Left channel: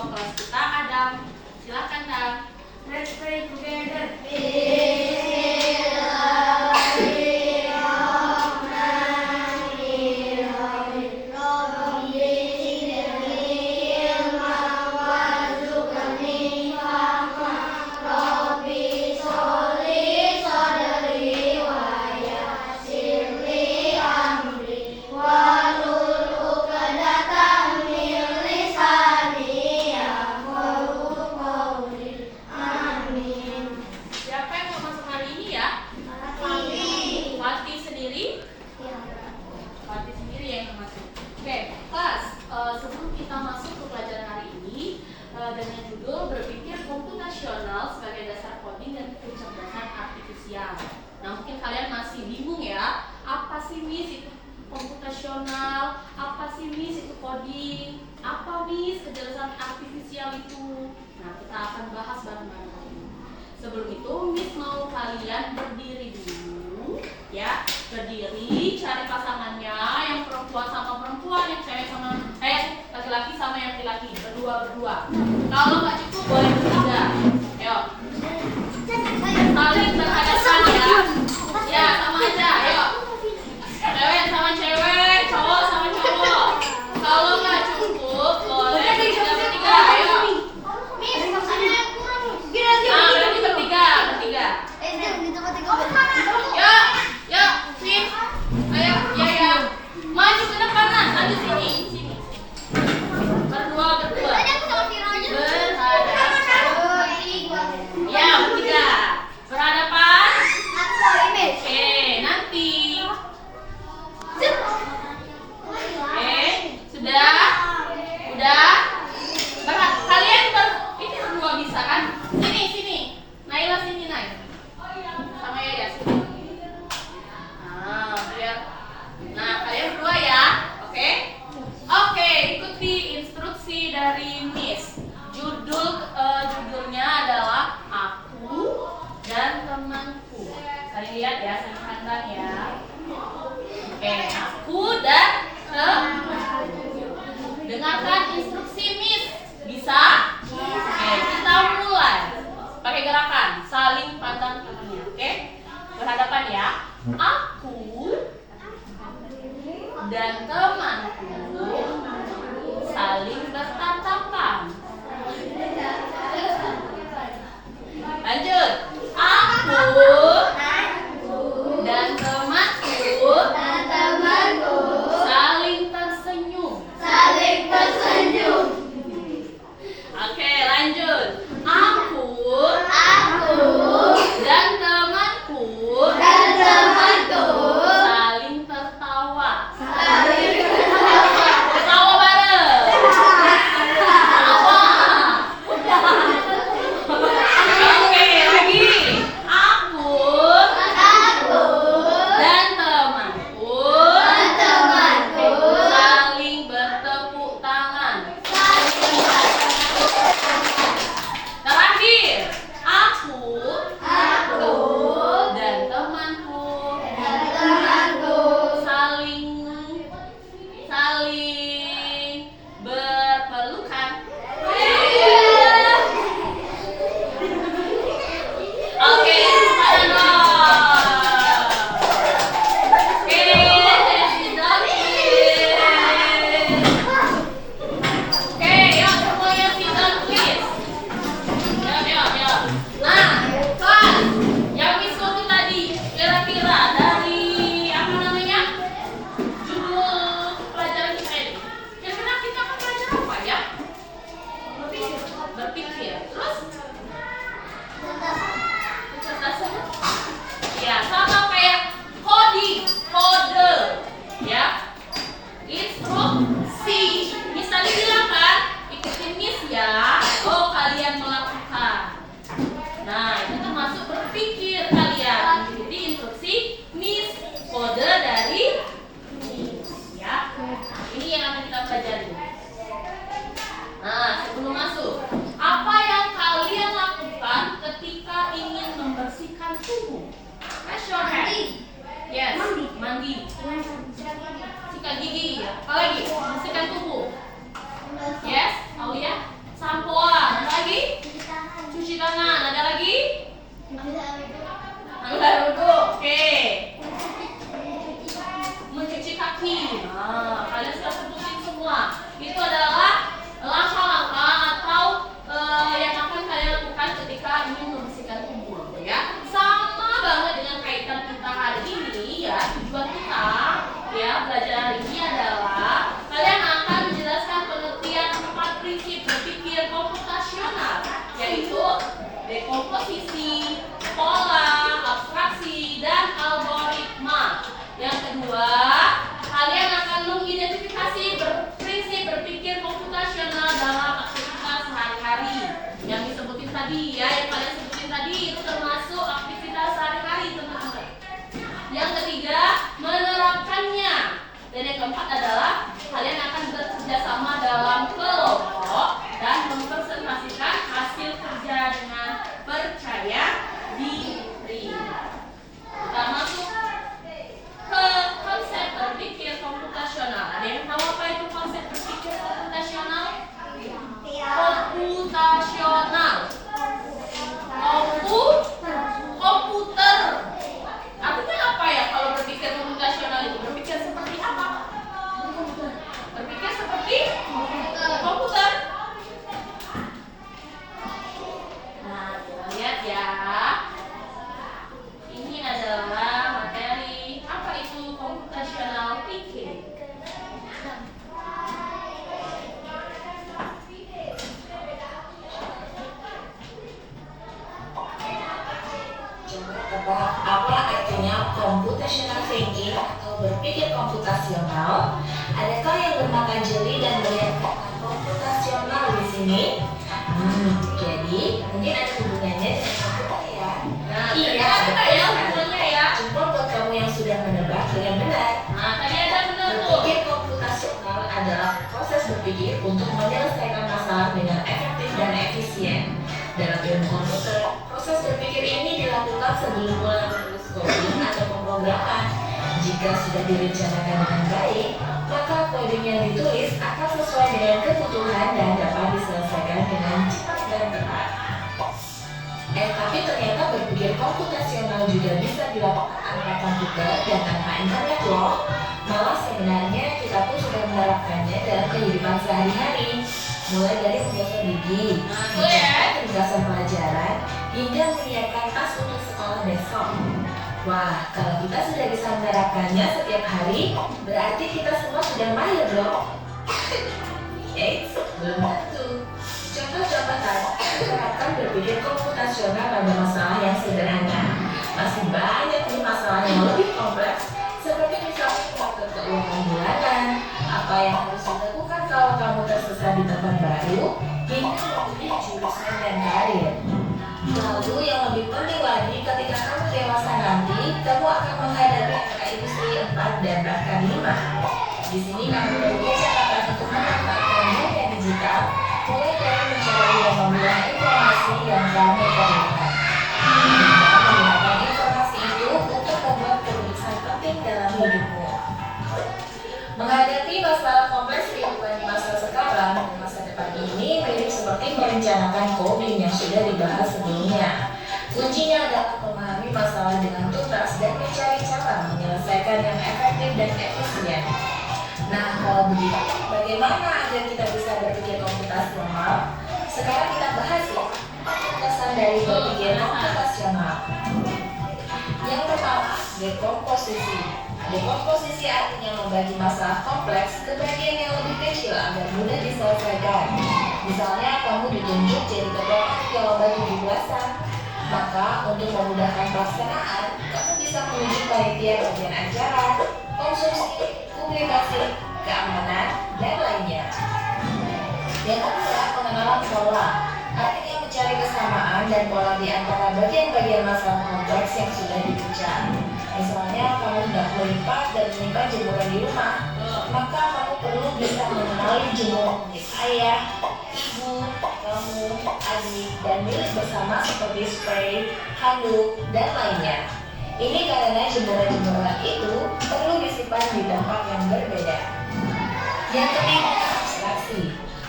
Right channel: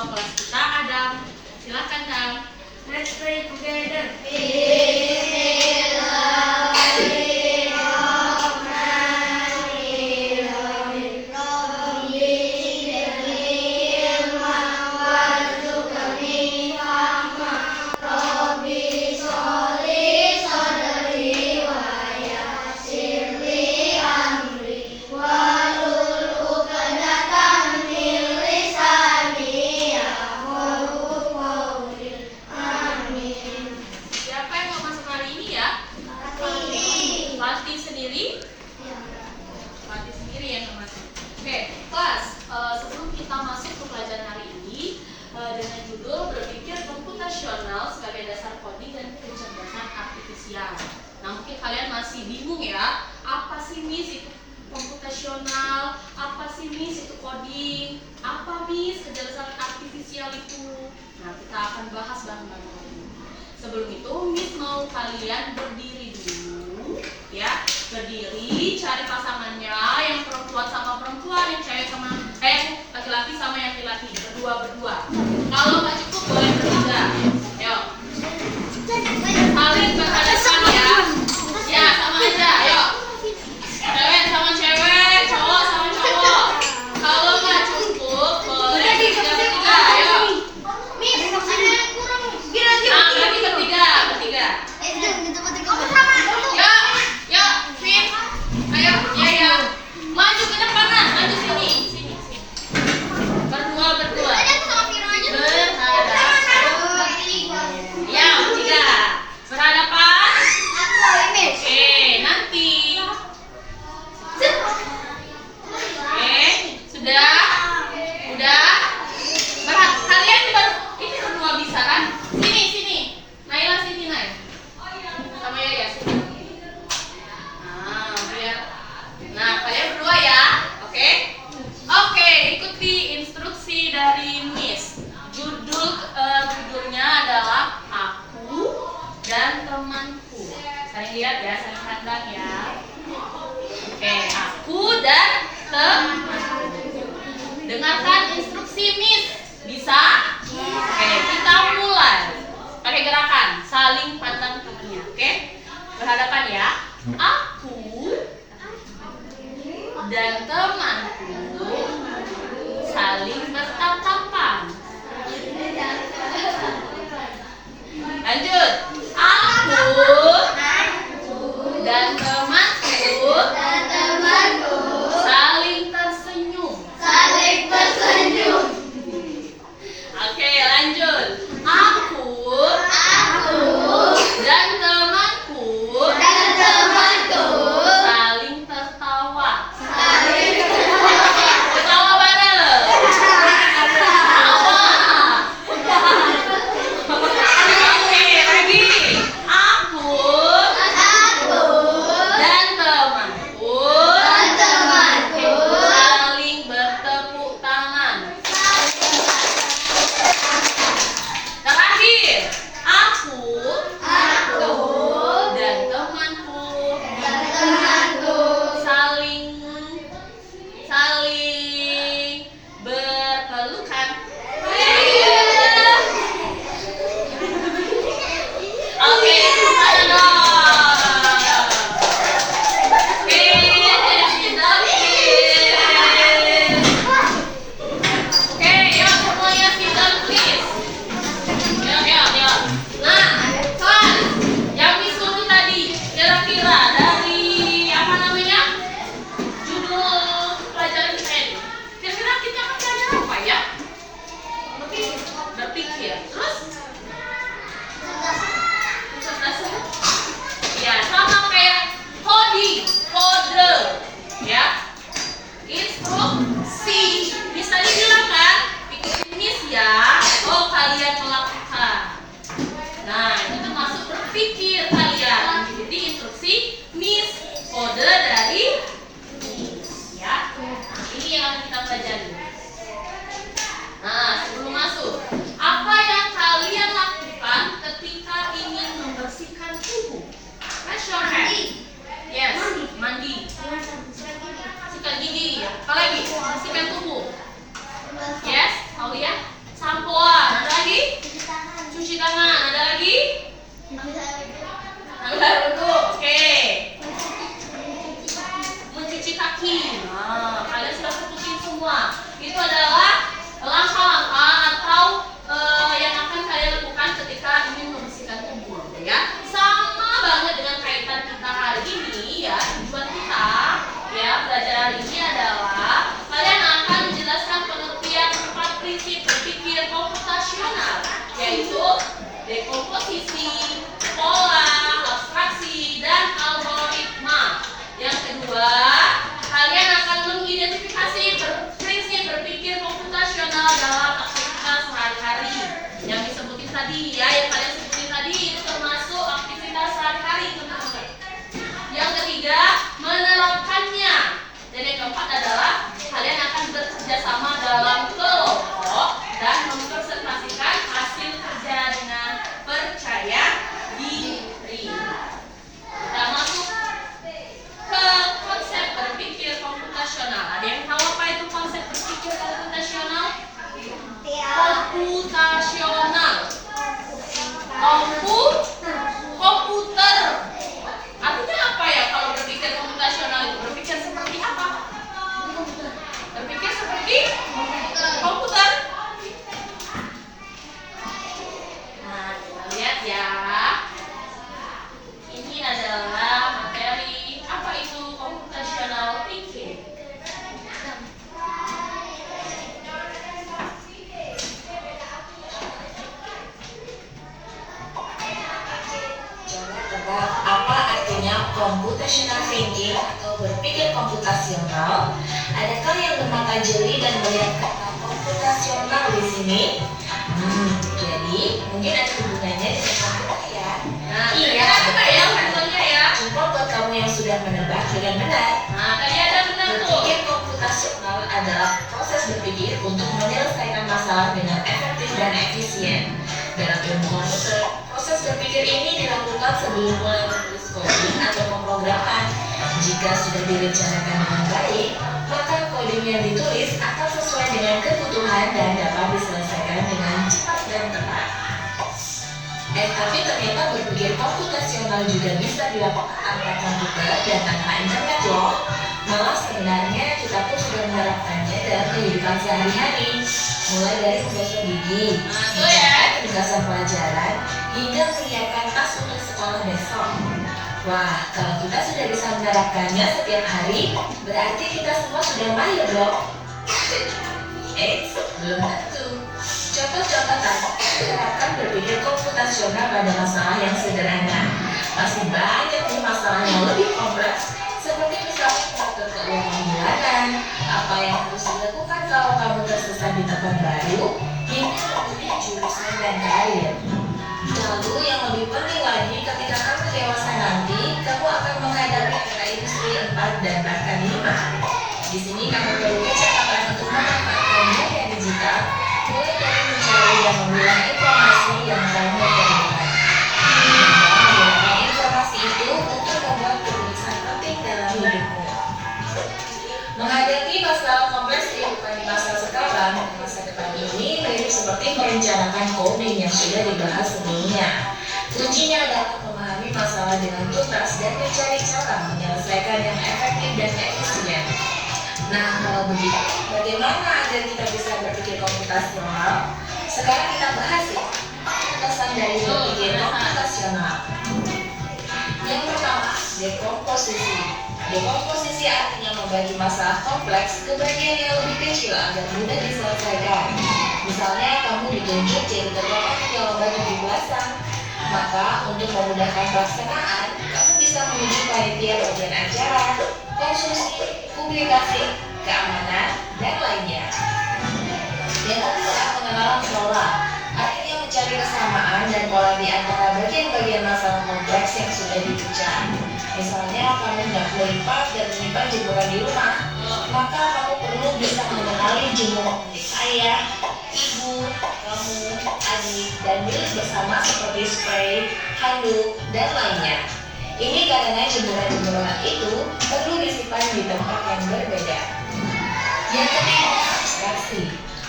ketua kelas kita, Adam. Silakan, Adam. Let's pray together. Nah, mungkin kalian masih bingung ya, apa sih Miss itu komputasional, apa sih Miss itu coding, apa Miss kecerdasan artifisial itu. Nah, kita akan bahas bareng-bareng. Sebelum itu Miss mau kalian berdiri dulu ya, berdiri, cari pasangannya, yang perempuan sama perempuan, yang cewek sama laki-laki sama yang laki-laki, berdua. Kalau nggak cukup boleh bertiga. Ayo. Saling berhadapan ya. Ya, sama aja. Ayo. Cewek sama cewek, cowok sama cowok. Kalau nggak cukup, boleh bertiga. Ayo. Nah, berarti bertiga. Yuk, Fit. Ayo, ya. Maju ke depan, maju sini. Berdua. Ya, bertiga. Berhadapan. Oke, nanti. Oke, sudah. Kalian ini berdua bisa kan? Sini. Naila sini, Nay. Sama Yaya sini. Nah, kalian berdua ya. Oke, ikuti instruksi dari Miss. Judulnya adalah Aku dan Temanku. Saling lihat ya, saling pandang ya. Oke, aku dan temanku. Dengarkan instruksi Miss. Bisa? Oke, kita mulai. Pakai gerakan, saling pandang kakinya. Oke? Berhadapan ya. Aku dan temanku saling bertatapan. Lanjut. Aku dan temanku saling tersenyum. Oke, lanjut. Aku dan temanku saling tertawa. Tertawa bareng. bikin. Nah, kalian sudah sebutin semua. Itu adalah langkah-langkah atau yang akan kalian lakukan ketika ingin membersihkan tubuh, ya. Sama banget dengan kaitan kita hari ini, ya. Tujuan kita, ya, belajar hari ini adalah kalian akan menjelaskan pengertian 4 prinsip berpikir komputasional, yaitu dekomposisi, pola, abstraksi, dan algoritma. Yang kedua, kalian akan mengidentifikasi prinsip berpikir komputasional dalam aktivitas sehari-hari. Yang disebutin tadi, ya, yang kalian sebutin tadi itu termasuk aktivitas sehari-hari, teman-teman. Yang ketiga, menerapkannya. Dan yang keempat adalah kalian akan bekerja sama dalam kelompok dan mempresentasikan hasil kerja dengan percaya diri. Kita masuk ke konsep berpikir komputasional. Ada yang tahu apa itu konsep berpikir komputasional? Komputasional. Komputer. Artinya apa ya kalau berpikir komputasional itu? Berpikir seperti apa? Berpikir seperti komputer. Nah, kita lihat ya. Ini adalah materi apa itu computational thinking. Coba tebak apa artinya computational thinking atau berpikir komputasional? Adakah yang bermata jeli dan melihat kata komputasional di sini? Jadi mungkin ada hubungannya dengan komputer ya. Nah, iya, apa ya hubungannya ya? Jempol buat kamu yang sudah menebak dengan benar. Nah, tadi ada benar tuh. Berpikir komputasional adalah proses berpikir untuk menyelesaikan masalah dengan efektif dan efisien. Dalam ilmu komputer, proses berpikir ini dilakukan sebelum mulai menulis coding atau pemrograman. Jika sudah direncanakan dengan baik, maka coding yang ditulis akan sesuai dengan kebutuhan dan dapat diselesaikan dengan cepat dan tepat. Tapi ternyata berpikir komputasional juga bisa dilakukan tanpa komputer dan tanpa internet loh. Malah sebenarnya kita pun sudah menerapkannya dalam kehidupan sehari-hari. Mulai dari menggosok gigi, penugasan pelajaran, hingga menyiapkan tas untuk sekolah besok. Wah, kalau kita sudah bisa menerapkannya setiap hari, berarti kita semua sudah mahir loh. Eits, belum tentu. Contoh-contoh tadi menerapkan berpikir komputasional pada masalah yang sederhana. Masih banyak nih masalah yang lebih kompleks, seperti misalnya mengatur keuangan bulanan, apa yang harus dilakukan kalau kamu tersesat di tempat baru, hingga memilih jurusan dan karir. Lalu yang lebih penting lagi, ketika kamu dewasa nanti, kamu akan menghadapi era industri 4 dan bahkan 5. Di sini kamu perlu kecepatan untuk memanfaatkan dunia digital, mulai dari mencari dan memilah informasi yang kamu perlukan. Dan menggunakan informasi itu untuk membuat keputusan penting dalam hidupmu. Menghadapi masalah kompleks kehidupan di masa sekarang dan masa depan ini mirip seperti merencanakan coding yang sudah dibahas sebelumnya. Kuncinya adalah memahami masalah dengan tuntas dan mencari cara menyelesaikan yang efektif dan efisien. Nah, kalau begitu, bagaimana agar kita bisa berpikir komputasional? Sekarang kita bahas ya, penjelasan dari berpikir komputasional. Yang pertama, dekomposisi. Dekomposisi artinya membagi masalah kompleks ke bagian yang lebih kecil agar mudah diselesaikan. Misalnya, kamu ditunjuk jadi ketua panitia lomba 17-an. Maka, untuk memudahkan pelaksanaan, kamu bisa menunjuk panitia bagian acara, konsumsi, publikasi, keamanan, dan lainnya. Yang kedua, pengenalan pola. Artinya mencari kesamaan dan pola di antara bagian-bagian masalah kompleks yang sudah dibuka. Misalnya, kamu hendak melipat dan menyimpan jemuran di rumah, maka kamu perlu bisa mengenali jemuran milik ayah, ibu, kamu, adik, dan milik bersama seperti spray, handuk, dan lainnya. Ini karena jemuran-jemuran itu perlu disimpan di tempat yang berbeda. Yang ketiga, abstraksi.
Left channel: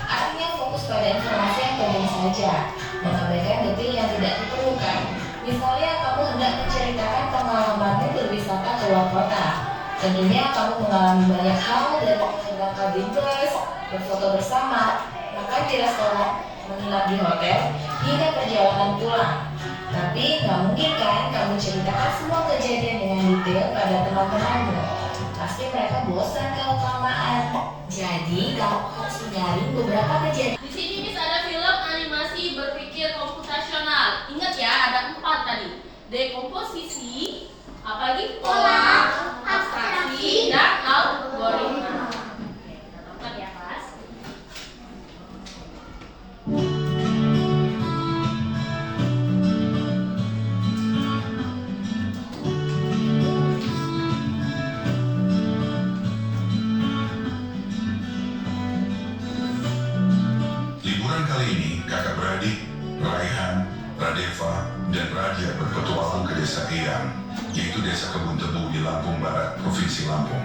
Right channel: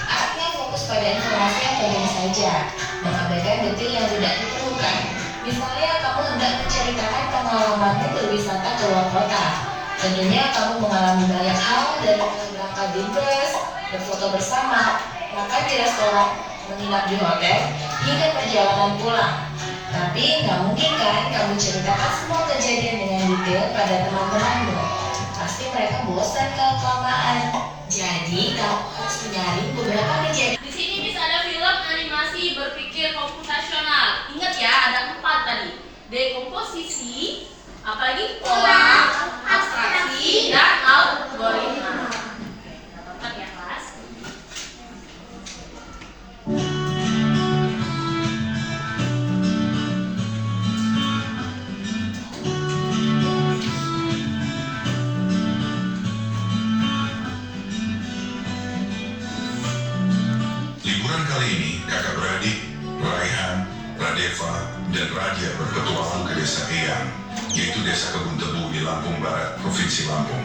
Artinya fokus pada informasi yang penting saja, mengabaikan detail yang tidak diperlukan. Misalnya, kamu hendak menceritakan pengalamanmu berwisata ke luar kota. Tentunya kamu mengalami banyak hal dari mulai berangkat dinas, berfoto bersama, makan di restoran, menginap di hotel, hingga perjalanan pulang. Tapi nggak mungkin kan kamu ceritakan semua kejadian dengan detail pada teman-temanmu. Pasti mereka bosan kalau kelamaan. Jadi kamu harus menyaring beberapa kejadian. Di sini Miss ada film animasi berpikir komputasional. Ingat ya, ada 4 tadi. Dekomposisi, apalagi pola, abstraksi, dan algoritma. Oke, kita tonton ya, kelas. Liburan kali ini, kakak beradik, Raihan, Radeva, dan Raja berpetualang ke desa Eyang, yaitu desa Kebun Tebu di Lampung Barat, Provinsi Lampung.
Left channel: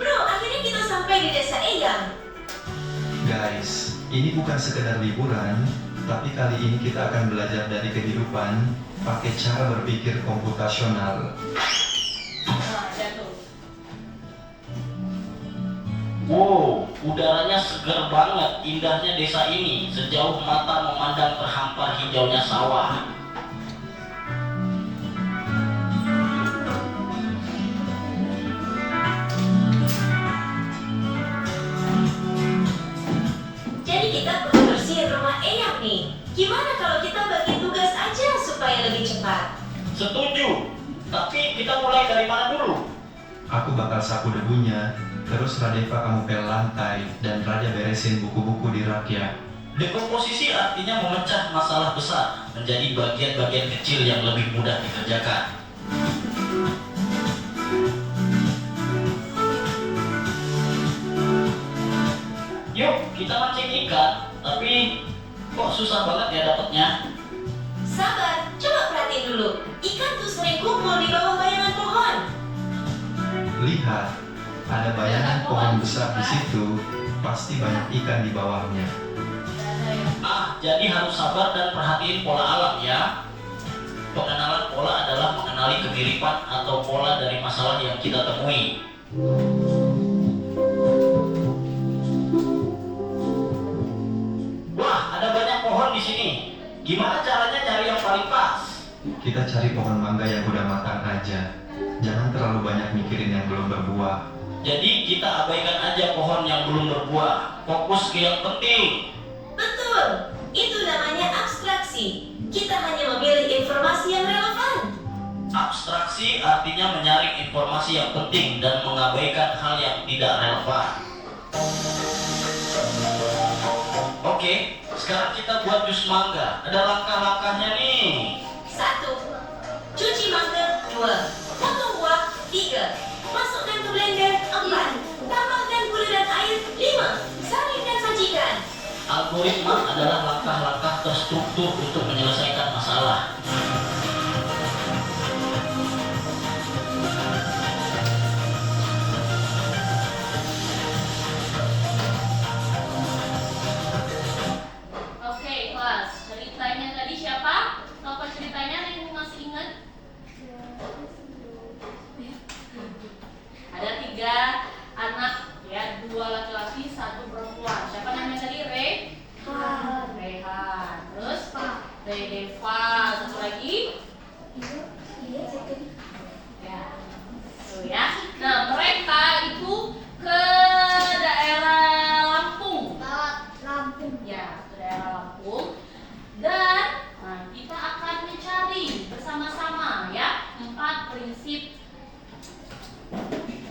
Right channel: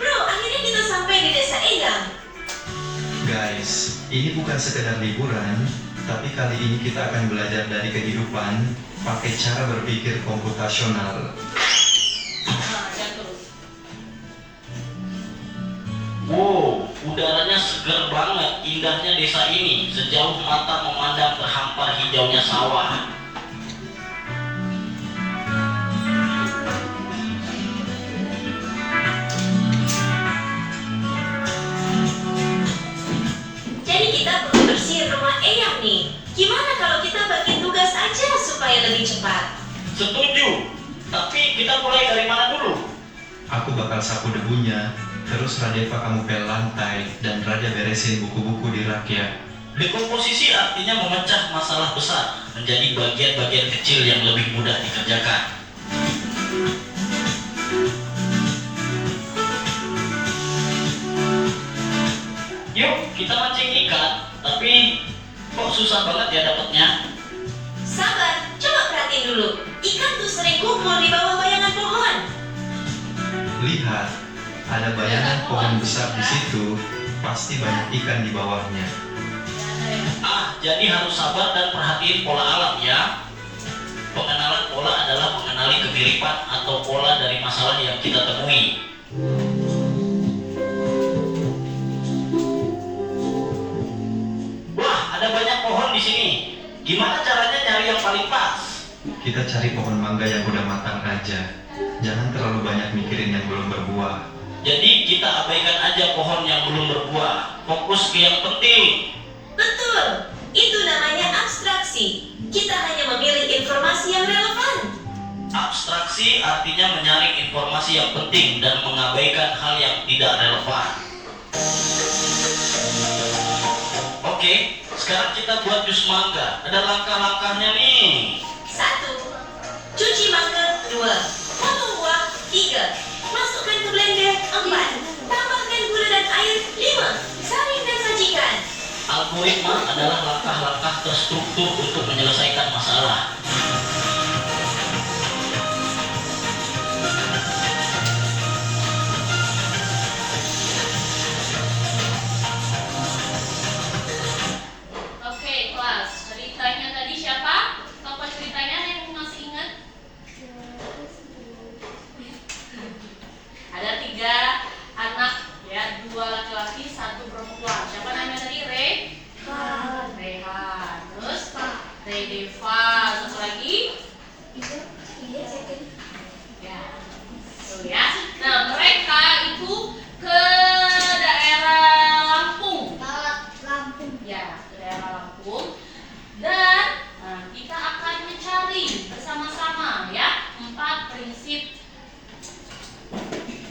Bro, akhirnya kita sampai di desa Eyang. Guys, ini bukan sekedar liburan, tapi kali ini kita akan belajar dari kehidupan pakai cara berpikir komputasional. Nah, jatuh. Wow, udaranya segar banget, indahnya desa ini. Sejauh mata memandang terhampar hijaunya sawah. Jadi kita perlu bersihin rumah Eyang nih. Gimana kalau kita bagi tugas aja supaya lebih cepat? Setuju, tapi kita mulai dari mana dulu? Aku bakal sapu debunya, terus Radeva kamu pel lantai, dan Raja beresin buku-buku di rak ya. Dekomposisi artinya memecah masalah besar menjadi bagian-bagian kecil yang lebih mudah dikerjakan. Yuk, kita mancing ikan, tapi kok susah banget ya dapatnya? Sabar, coba perhatiin dulu. Ikan tuh sering kumpul di bawah bayangan pohon. Lihat, ada bayangan pohon besar di situ, pasti banyak ikan di bawahnya. Ah, jadi harus sabar dan perhatiin pola alam ya. Pengenalan pola adalah mengenali kemiripan atau pola dari masalah yang kita temui. Wah, ada banyak pohon di sini. Gimana caranya nyari yang paling pas? Kita cari pohon mangga yang udah matang aja. Jangan terlalu banyak mikirin yang belum berbuah. Jadi kita abaikan aja pohon yang belum berbuah. Fokus ke yang penting. Betul, itu namanya abstraksi. Kita hanya memilih informasi yang relevan. Abstraksi artinya menyaring informasi yang penting dan mengabaikan hal yang tidak relevan. Oke, sekarang kita buat jus mangga. Ada langkah-langkahnya nih. 1. Cuci mangga. 2. Potong buah. 3. Masukkan ke blender. 4. Tambahkan gula dan air. 5. Saring dan sajikan. Algoritma adalah langkah-langkah terstruktur untuk menyelesaikan masalah. Oke, kelas. Ceritanya tadi siapa? Tokoh ceritanya ada yang masih ingat? Ada 3 anak ya, 2 laki-laki, 1 perempuan. Siapa namanya tadi? Rehan. Terus Redeva. Satu lagi? Ya. Tuh ya. Nah, mereka itu ke daerah Lampung. Ya, ke daerah Lampung. Dan kita akan mencari bersama-sama ya 4 prinsip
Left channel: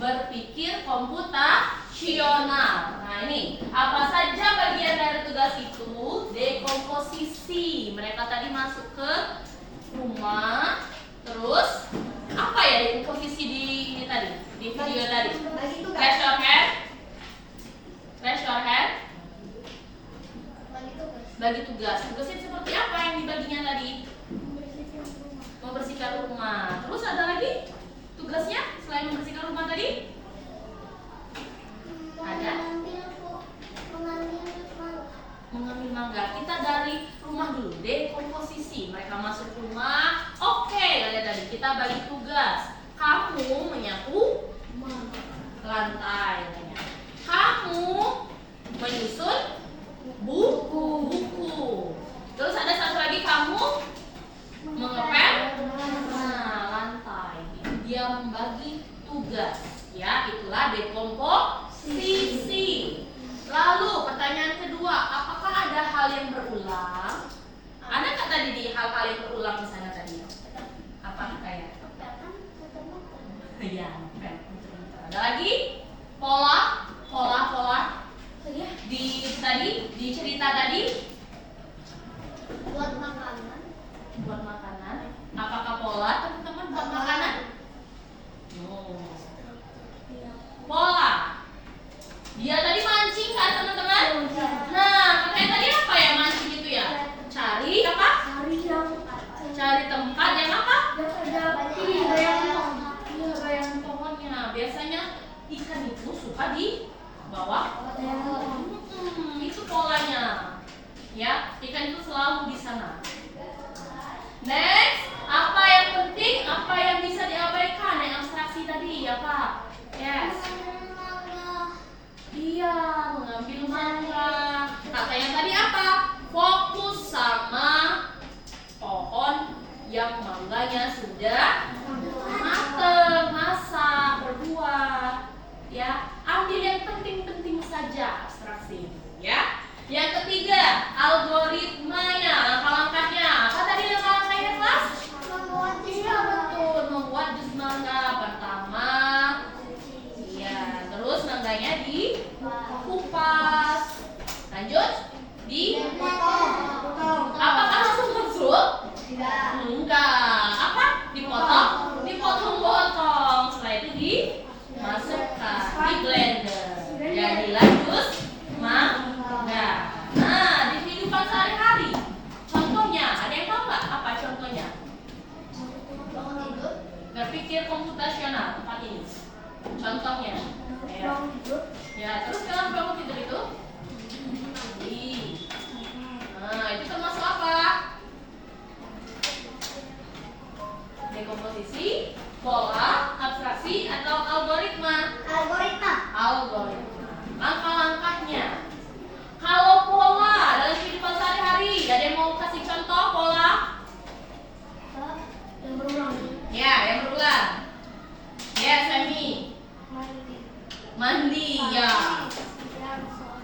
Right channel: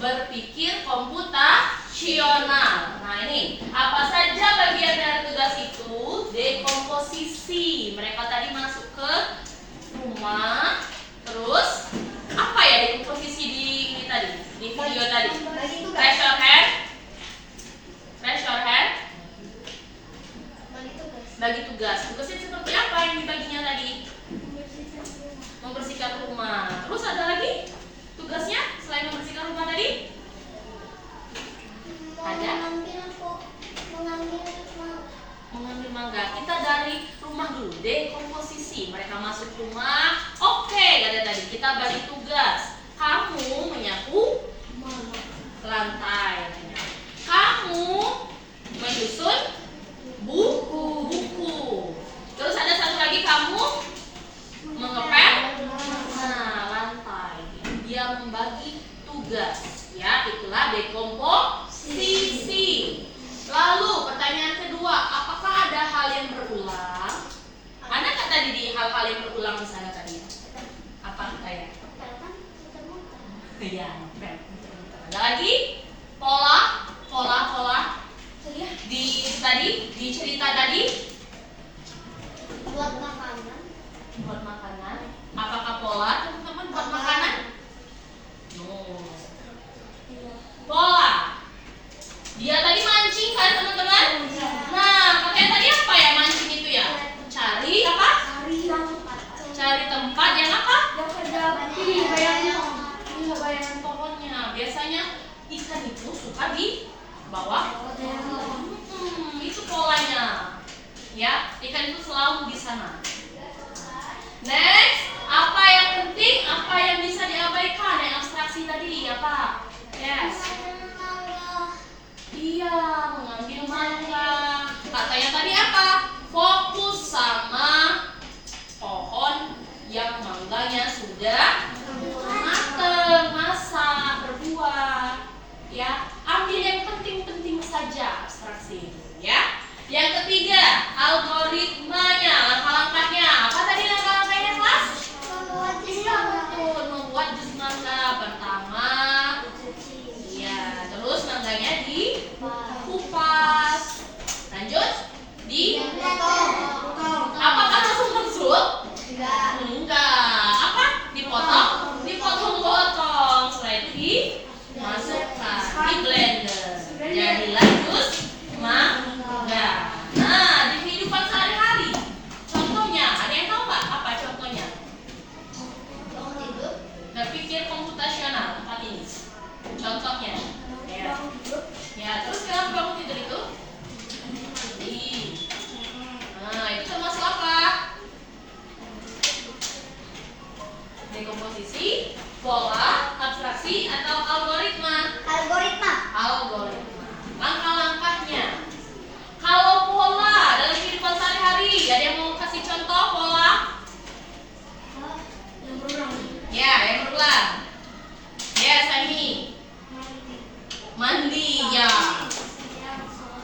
berpikir komputasional. Nah, ini apa saja bagian dari tugas itu? Dekomposisi. Mereka tadi masuk ke rumah. Terus apa ya dekomposisi di ini tadi? Di video tadi. Raise your hand. Raise your hand. Bagi tugas. Tugasnya seperti apa yang dibaginya tadi? Membersihkan rumah. Terus ada lagi? tugas. Ya, itulah dekomposisi. Lalu pertanyaan kedua, apakah ada hal yang berulang? Ada nggak tadi di hal-hal yang berulang di sana tadi? Apa kayak? Iya, ada lagi pola. Di cerita tadi Buat makanan. buat makanan. Apakah pola teman-teman buat makanan? No. Pola. Dia tadi mancing kan teman-teman? Nah, katanya tadi apa ya mancing itu ya? Cari apa? Cari tempat yang apa? Bayangan pohonnya. Biasanya ikan itu suka di bawah. Itu polanya. Ya, ikan itu selalu di sana. Next, apa yang penting? Apa yang bisa diabaikan? Yang abstraksi tadi apa? Yes. Iya, mengambil mangga. Katanya tadi apa? Fokus sama pohon yang mangganya sudah mateng, masak, berbuah. Ya, ambil yang penting-penting saja abstraksi itu, ya. Yang ketiga, algoritmanya, langkah-langkahnya. Apa tadi langkah-langkahnya, kelas? Betul, membuat jus mangga. Pertama, iya, terus mangganya dikupas. Lanjut, apakah langsung masuk? Enggak. Apa? Dipotong-potong. Setelah itu dimasukkan di blender. Jadilah jus mangga. Nah, di kehidupan sehari-hari, contohnya, ada yang tahu nggak apa contohnya? Berpikir komputasional tempat ini. Contohnya, ya terus kalau bangun tidur itu, nah itu termasuk apa? Dekomposisi, pola, abstraksi, atau algoritma? Algoritma. Langkah-langkahnya. Kalau pola dalam kehidupan sehari-hari, ada yang mau kasih contoh pola? Yang berulang. Ya, yang berulang. Ya, Sami. Mandi, ya.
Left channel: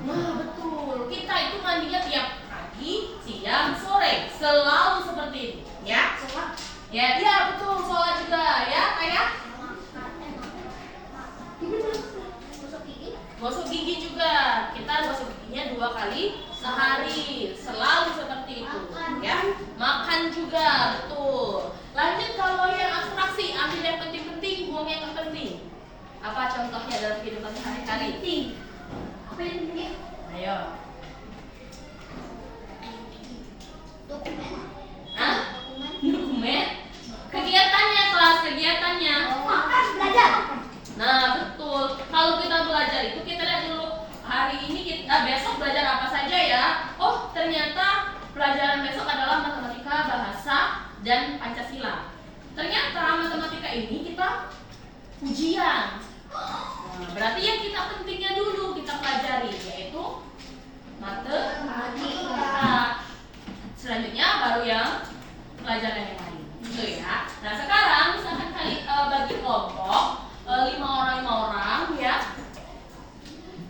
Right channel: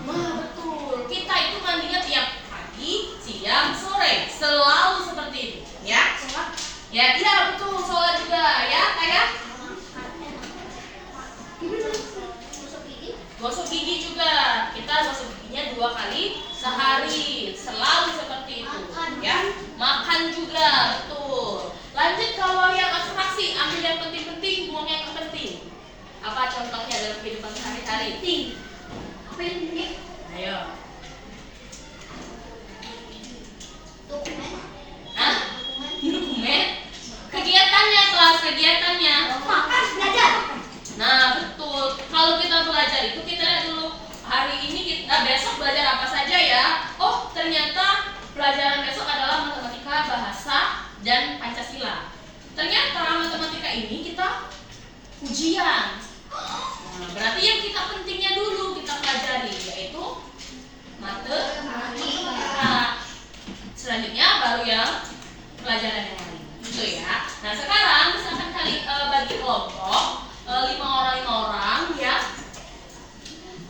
Wah, betul. Kita itu mandinya tiap pagi, siang, sore, selalu seperti itu, ya. Ya, iya betul. Sholat juga, ya, kayak gosok gigi juga. Kita gosok giginya 2 kali sehari, selalu seperti itu, ya. Makan juga, betul. Lanjut kalau yang abstraksi, ambil yang penting-penting, buang yang penting. Apa contohnya dalam kehidupan sehari-hari? Apa yang penting? Ayo. Dokumen. Hah? Dokumen? Kegiatannya, kelas kegiatannya. Makan, belajar. Nah, betul. Kalau kita belajar itu kita lihat dulu hari ini besok belajar apa saja ya. Oh, ternyata pelajaran besok adalah matematika, bahasa, dan Pancasila. Ternyata matematika ini kita ujian. Nah, berarti yang kita pentingnya dulu kita pelajari yaitu matematika. Selanjutnya baru yang pelajaran yang lain. Gitu ya. Nah, sekarang misalkan bagi kelompok 5 orang ya.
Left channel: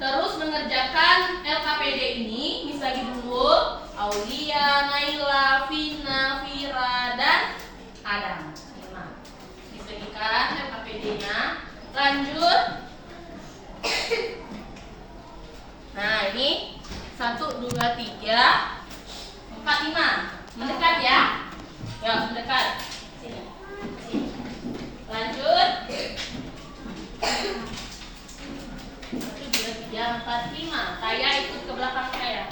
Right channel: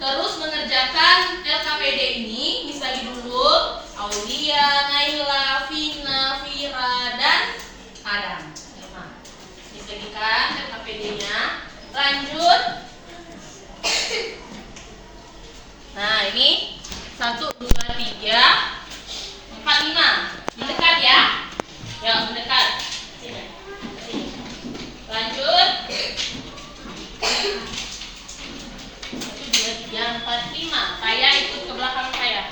Terus mengerjakan LKPD ini, Miss bagi dulu Aulia, Naila, Vina, Vira, dan Adam. 5. Miss bagikan LKPD-nya. Lanjut. Nah, ini 1, 2, 3, 4, 5. Mendekat ya. Ya, mendekat. Sini. Sini. Lanjut. 1, 2, 3, 4, 5. Saya ikut ke belakang saya.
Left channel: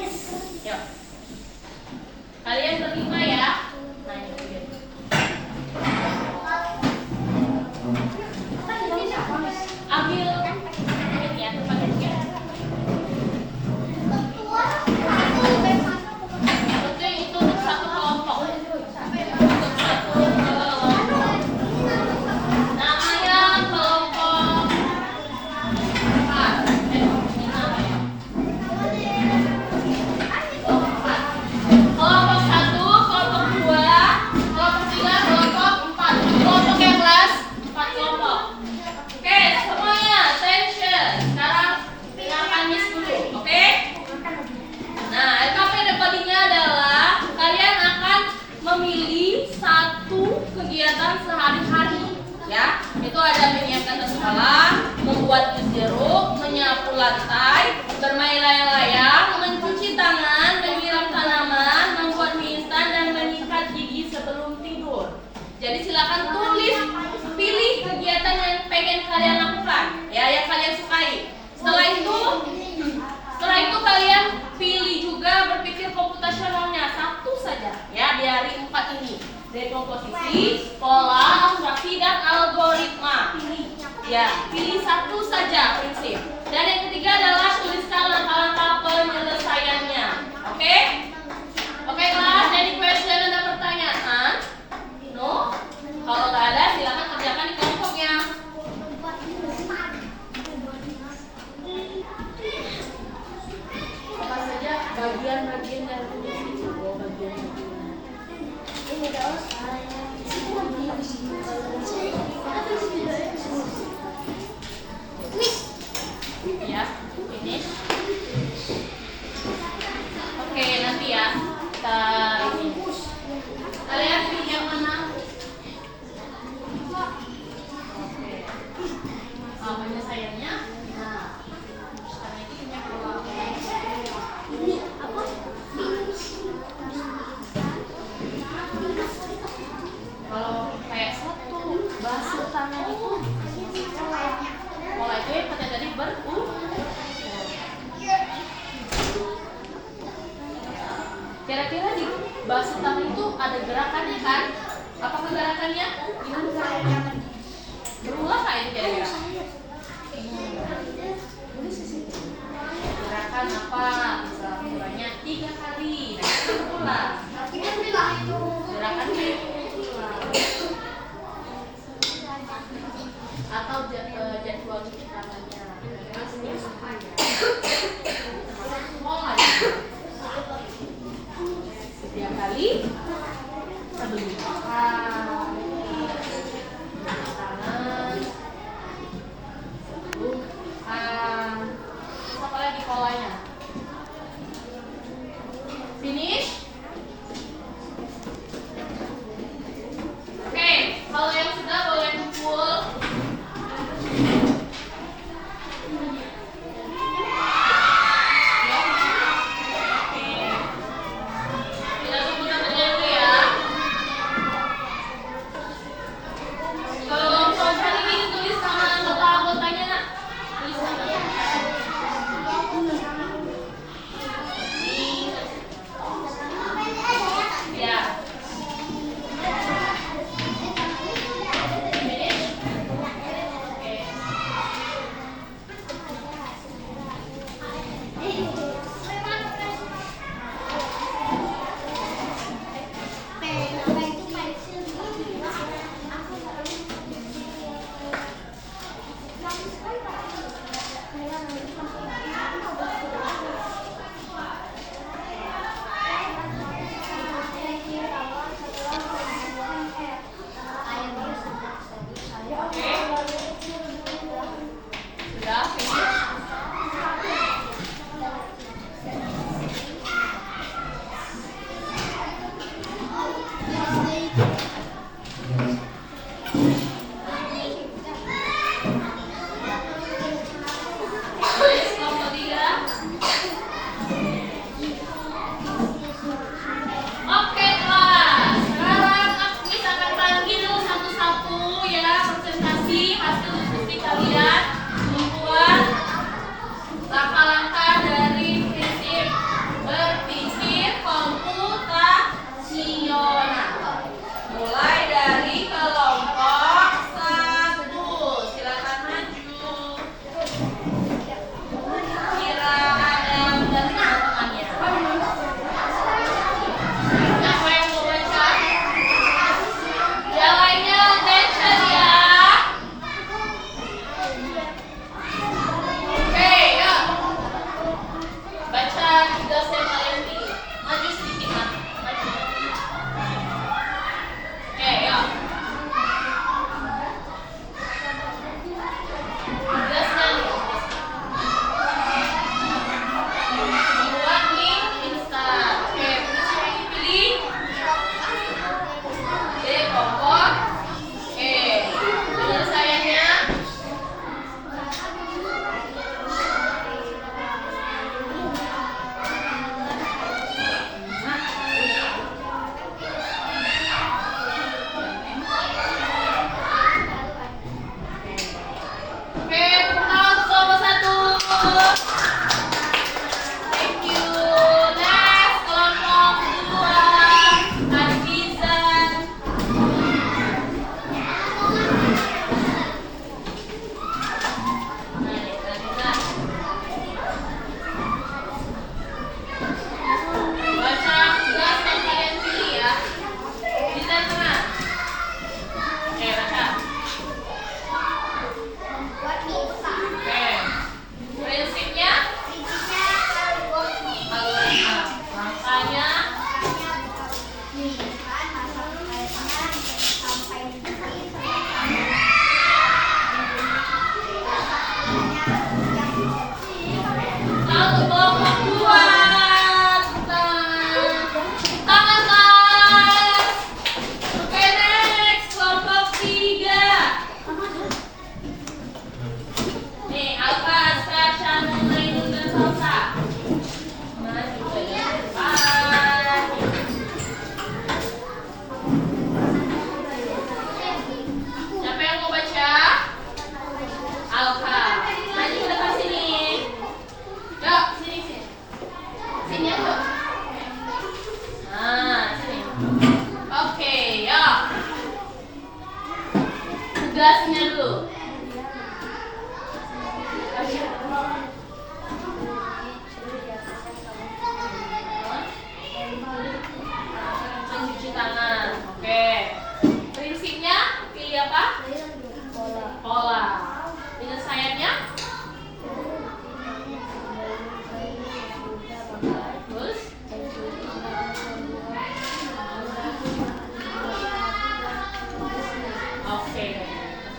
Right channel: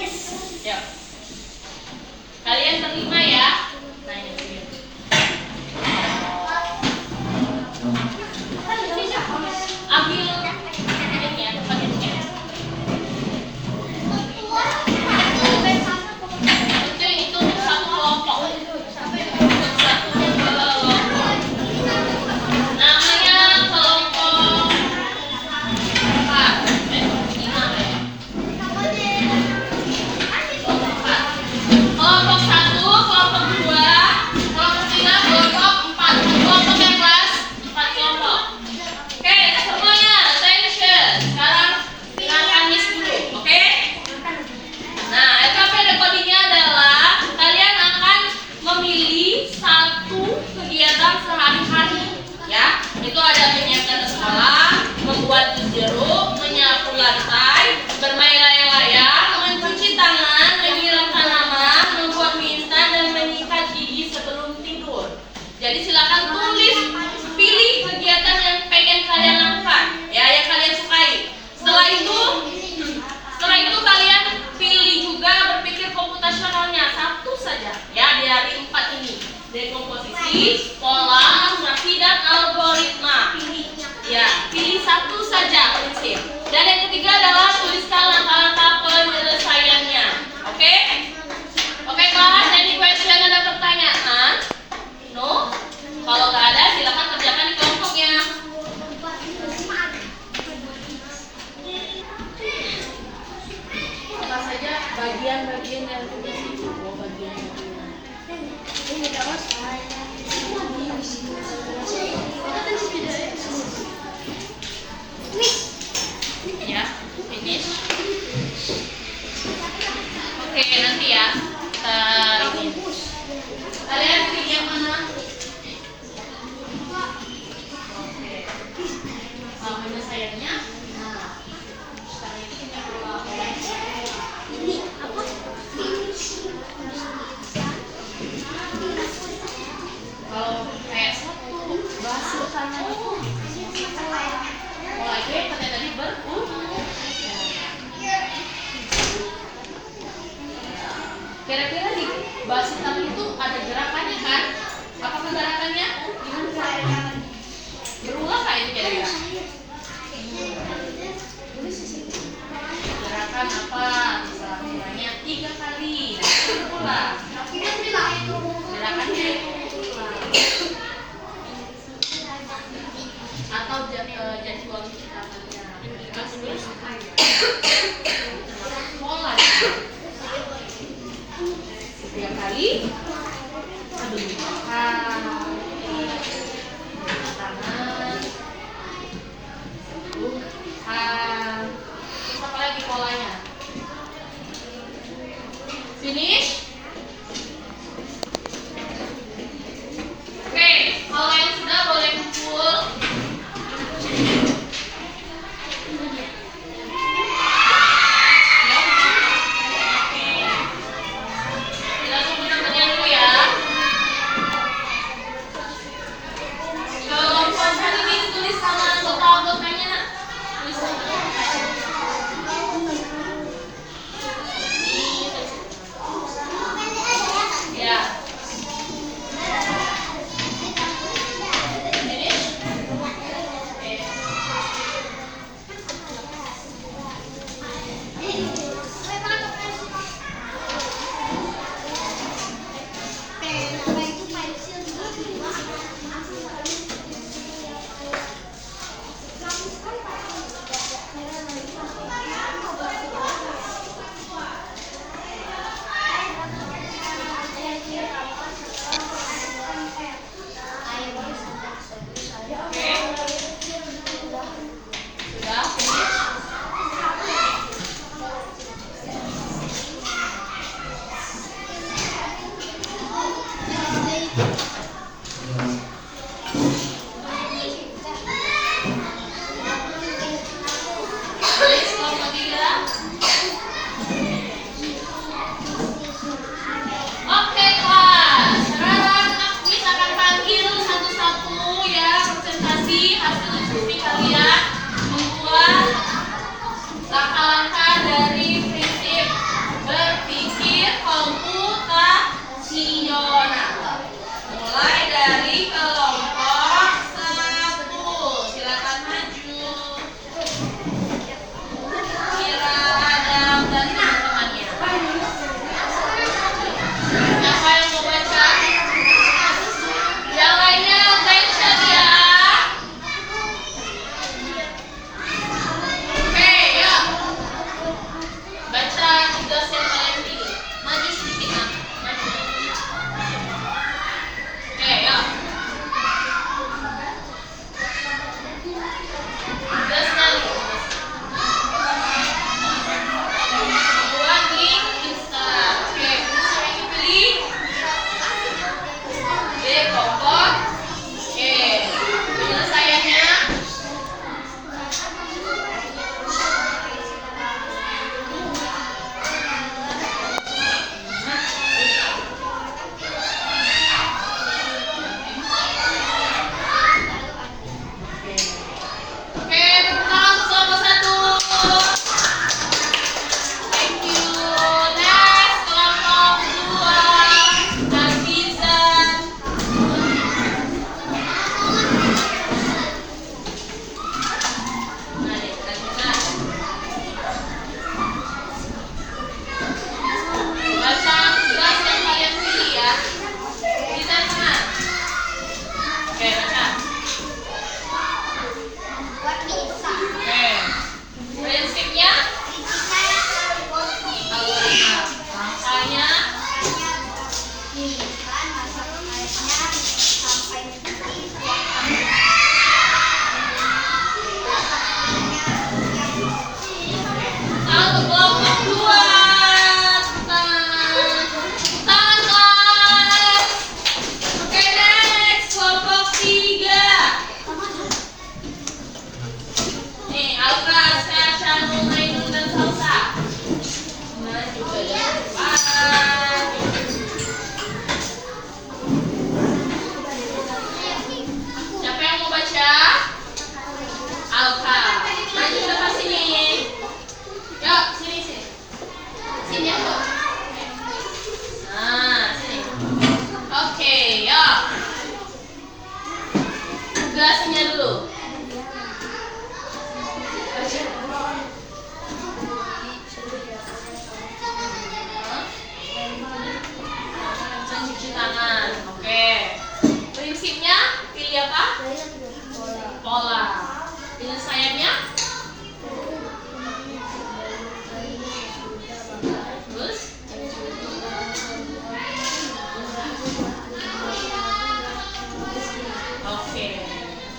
Yes. Yuk. Kalian berlima ya. Nah, ini dia. Ambil ini ya, paketnya. Betul, itu satu kelompok. Satu kelompok. Namanya kelompok 4. 5. itu ada menyiapkan sekolah, membuat jus jeruk, menyapu lantai, bermain layang-layang, mencuci tangan, menyiram tanaman, membuat mie instan, dan menyikat gigi sebelum tidur. Jadi silakan tulis, pilih kegiatan yang pengen kalian lakukan, ya, yang kalian sukai. Setelah itu kalian pilih juga berpikir komputasionalnya satu saja, ya, di hari 4 ini. Dekomposisi, pola, abstraksi, dan algoritma. Ya, pilih satu saja prinsip. Dan yang ketiga adalah tuliskan langkah-langkah penyelesaiannya. Oke? Oke kelas, any question, ada pertanyaan? No? Kalau nggak ada, silakan kerjakan di kelompoknya. Apa saja bagian-bagian yang tulis itu? Oh, bagian-bagian. Ya, finish. Oke, nanti ya kita kalian pilih yang mana? Oke. Penyelesaiannya. Nah, ini apa? Kalau kayak satu bahasa utama itu mulai itu katanya tadi kira-kira di bahasa utama itu ada gerakannya kan? Apakah gerakannya? Berulang kah itu kira-kira? Tulis di sini. Gerakan apa? Misalnya 3 kali. Nah, itu berulang. Gerakannya itu atau jadwal ciptaannya pola 3 kali sebelum makan, tangan, terus apa lagi polanya? Finish. Oke, kalau yang sudah boleh kumpul. Kita tunggu temennya dulu ya. Kalau pelan-pelan ini tulis sama anggota-anggotanya, nak. Tulis sama. Ya. Sudah finish. Baik, kelompok 3. Oke kelas, sekarang Akmis akan panggil satu-satu ya presentasi hasil diskusi kalian membuat langkah-langkah dari prinsip berpikir komputasional. Mulai dari kelompok 1, silakan maju. Kira Adam dan teman-temannya. Siapa yang mau baca? Yang lainnya attention ya. Oke, yuk. Baca tugas yang kalian pilih. Maju sedikit, Nak. Maju. Oke, yuk. Tugasnya nih. Buat link instan. Oke, prinsip yang dipilih. Kelompok. Oke, penyelesaiannya Mencuci tangan. Oke. Prinsipnya pilih apa? Pola. Penyelesaiannya? Terus? Oke.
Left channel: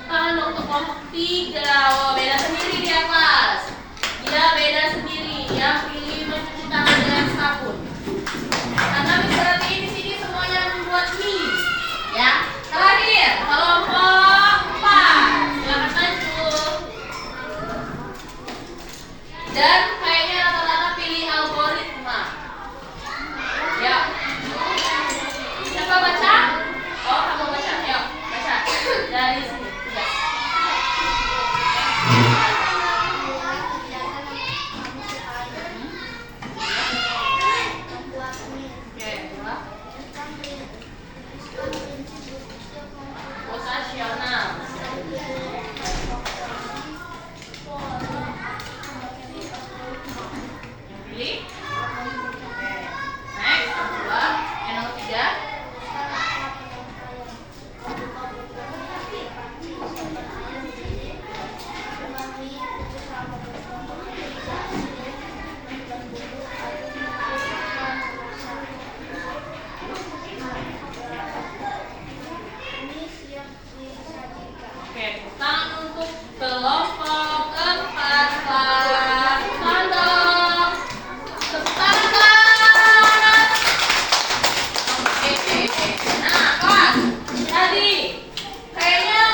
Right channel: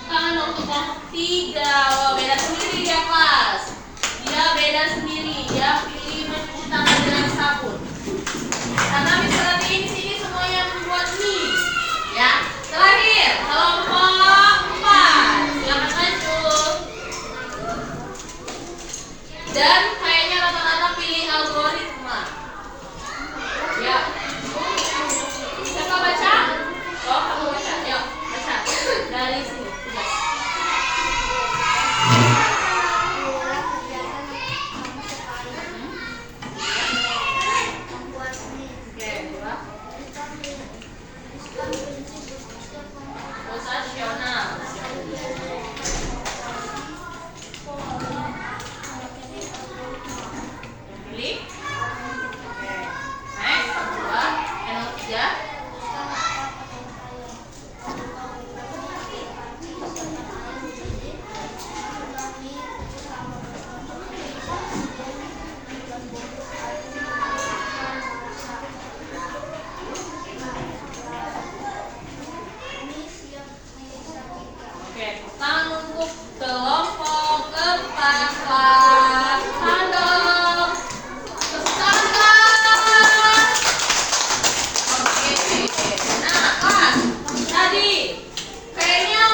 Tangan untuk kelompok 3. Oh, beda sendiri dia, kelas. Dia beda sendiri. Dia pilih mencuci tangan dengan sabun. Karena misalnya ini sini semuanya membuat mie. Ya. Terakhir, kelompok 4. Silakan lanjut. Dan kayaknya rata-rata pilih algoritma. Ya. Siapa baca? Oh, kamu baca. Yuk, baca. Dari sini. Tugas. Oke, dua. Posisional. Yang pilih. Oke. Next, kedua. Yang nomor 3. Oke, tangan untuk kelompok 4 kelas. Mantap. Tepuk tangan. Oke. Nah, kelas. Tadi kayaknya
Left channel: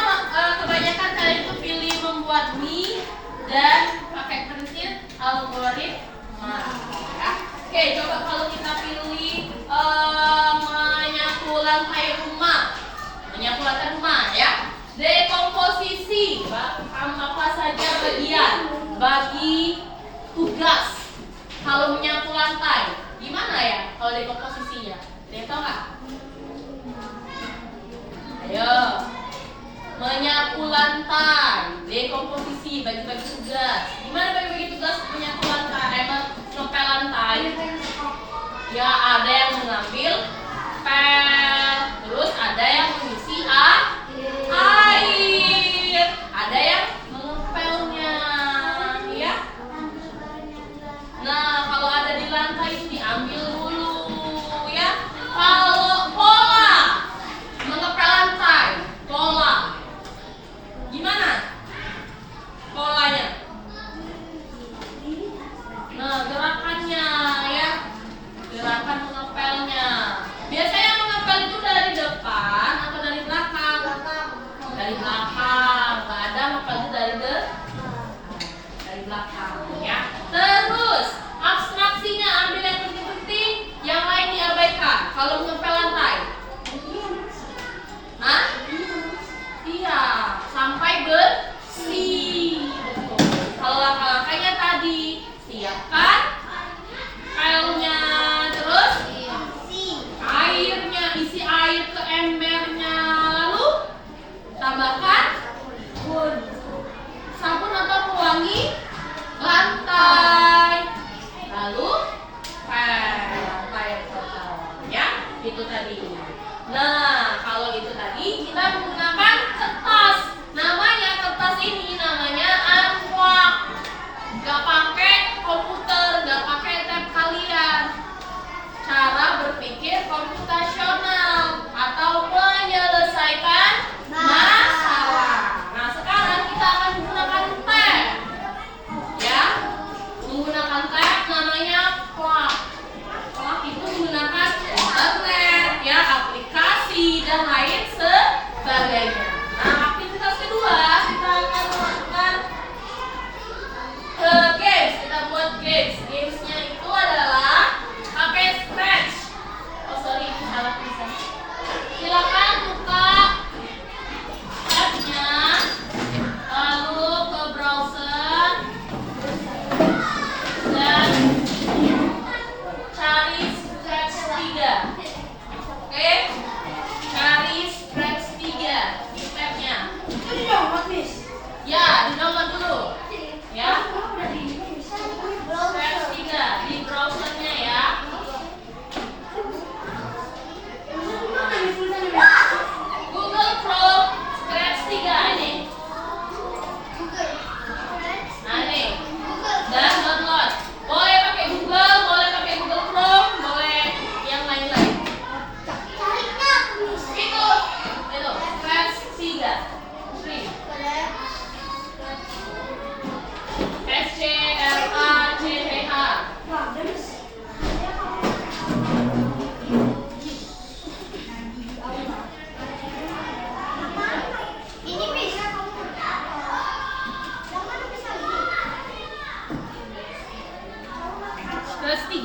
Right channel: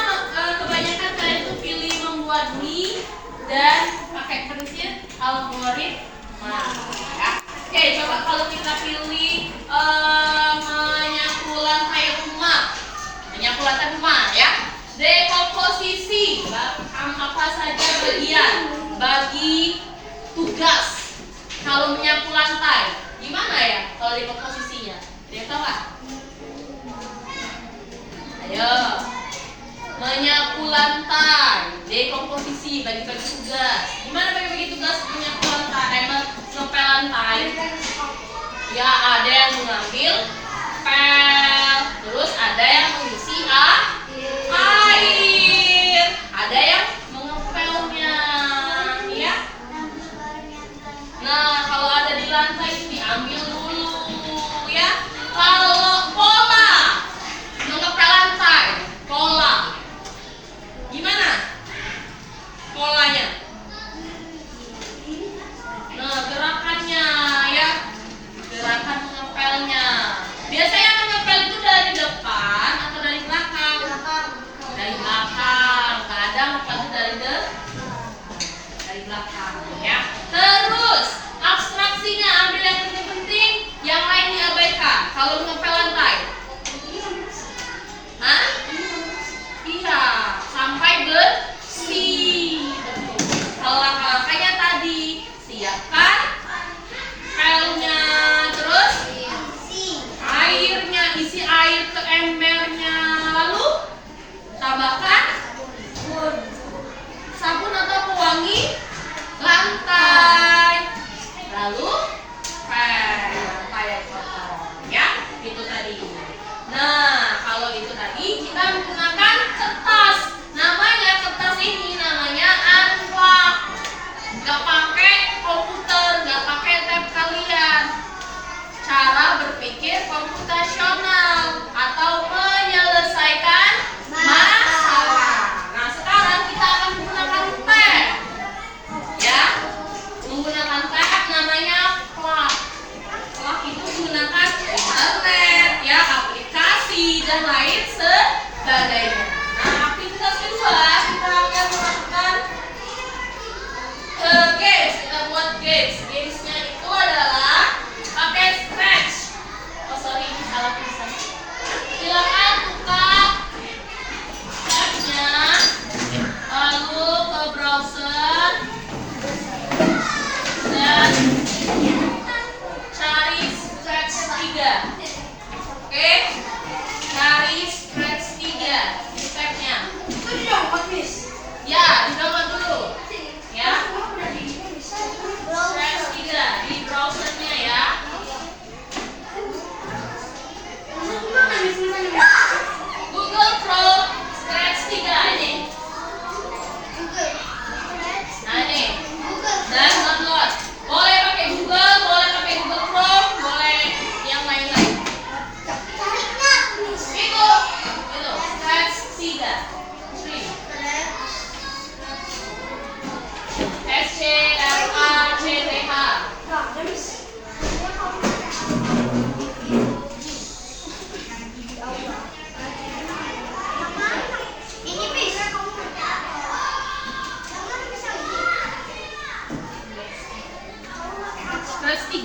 kebanyakan kalian itu pilih membuat mie dan pakai prinsip algoritma. Ya. Oke, coba kalau kita pilih menyapu lantai rumah. Menyapu lantai rumah ya. Dekomposisi, apa saja bagian bagi tugas kalau menyapu lantai. Gimana ya kalau dekomposisinya? Ada yang tahu nggak? Ayo, menyapu lantai, dekomposisi, bagi-bagi tugas. Gimana bagi-bagi tugas menyapu lantai, ngepel lantai? Ya, ada yang mengambil pel, terus ada yang mengisi air, ada yang mengepelnya, ya. Nah, kalau ada di lantai itu diambil dulu, ya. Kalau pola mengepel lantai, pola, gimana polanya? Nah, gerakannya, ya, gerakan mengepelnya. Biasanya mengepel itu dari depan atau dari belakang?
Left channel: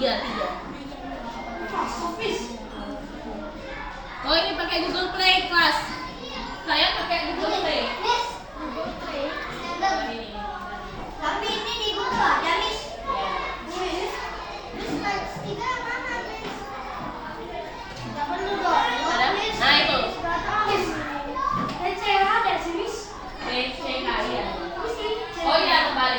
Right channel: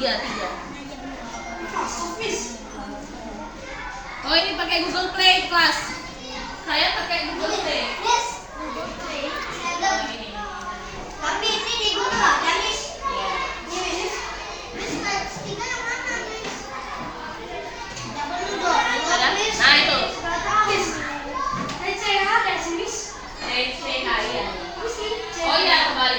tiga. Oh, ini pakai Google Play kelas. Saya pakai Google Play. Tapi ini di Google, ya, Miss? Ada? Nah, itu. CCHI. Oh iya, kembali.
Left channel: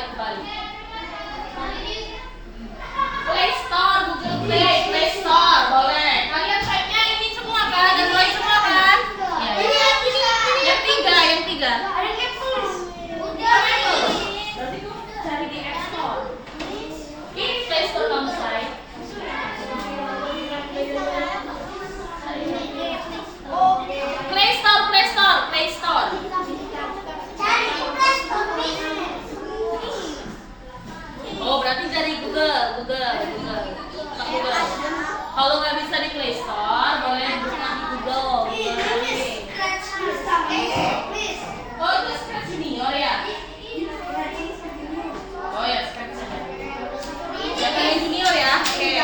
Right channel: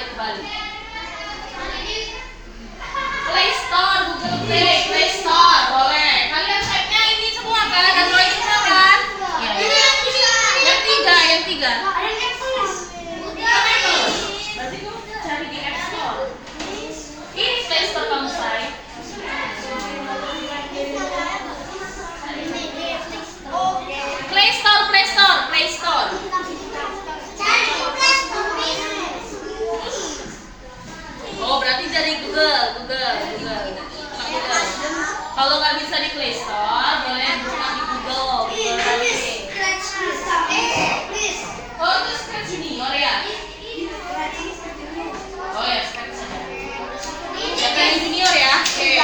Play Store, Google Play Store, boleh. Kalian type-nya ini semua kan? Android semua kan? Iya. Yang tiga. Berarti tuh cari di App Store. Ini Play Store kamu say. Play Store. Oh, berarti dari Google. Kalau nggak bisa di Play Store, boleh buka di Google. Oh, itu Scratch Junior ya? Oh ya, Scratch saja. Yang Junior ya? Oke.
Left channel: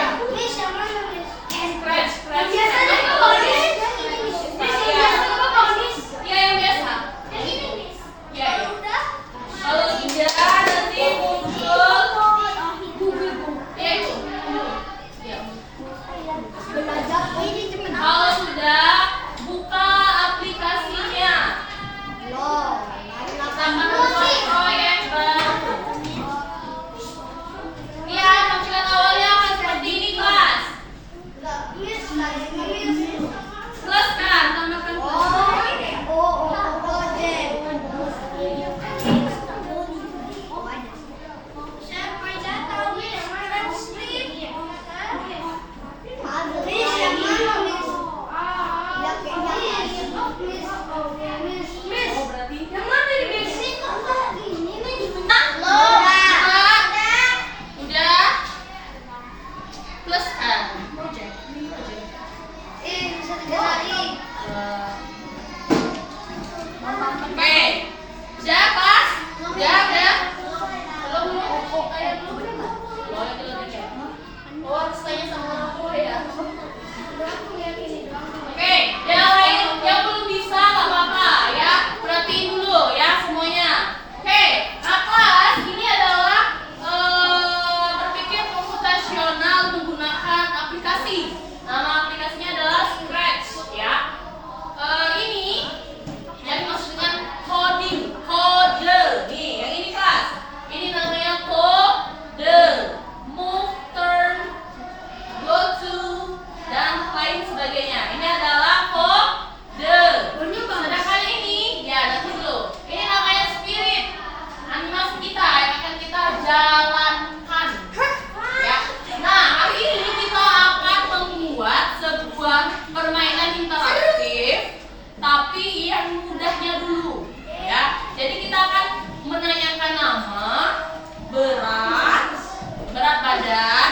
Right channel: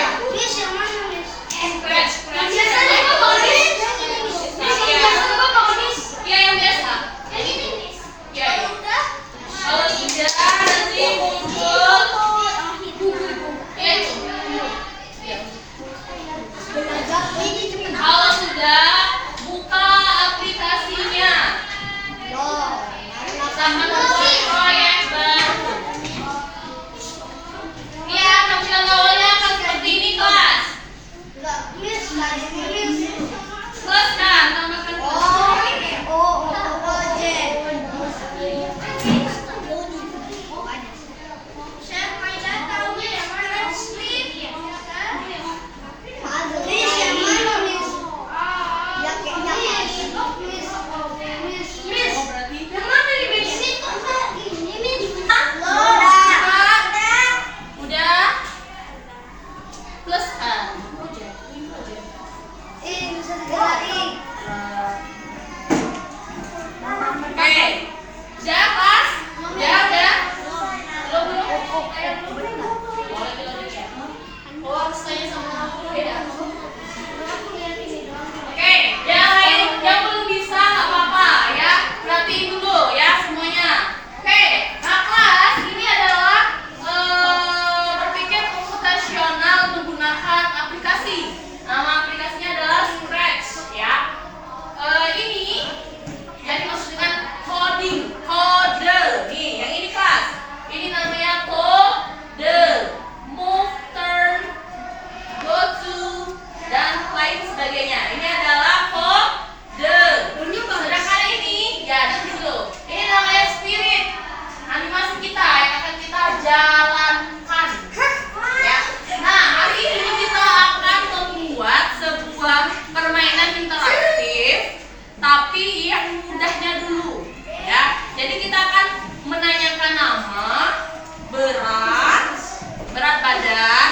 Scratch. Iya, yang biasa. Iya. Kalau tidak nanti muncul. Iya itu. Iya. Kalau sudah buka aplikasinya. Sama proyek baru. Iya, tampilan awalnya akan seperti ini kelas. Teruskan, tambahkan kelas. Oh, berarti udah plus kan? Oke, sudah kelas? Udah? Belum? Oh, harus tanya sama orang tua ya. Oke, yang belum bisa nggak apa-apa ya, perhatiin dulu ya semuanya. Oke, nah kelas ini adalah berpikir komputasional menggunakan aplikasi. Nama aplikasinya adalah Scratch ya. Ini yang dimaksud dengan kode. Nih, yang ini kelas. Ini namanya kode. Move, turn, go to, dan lain sebagainya. Ini adalah kode. Sedangkan ini, ya nanti dulu. Ini namanya spirit. Animasi kita yang akan kita jalankan. Ya. Nah, hari ini kita akan membuat sebuah permainan interaktif, tapi yang mudahnya dulu. Ya. Jadi kita akan menanyakan nama, berat badan,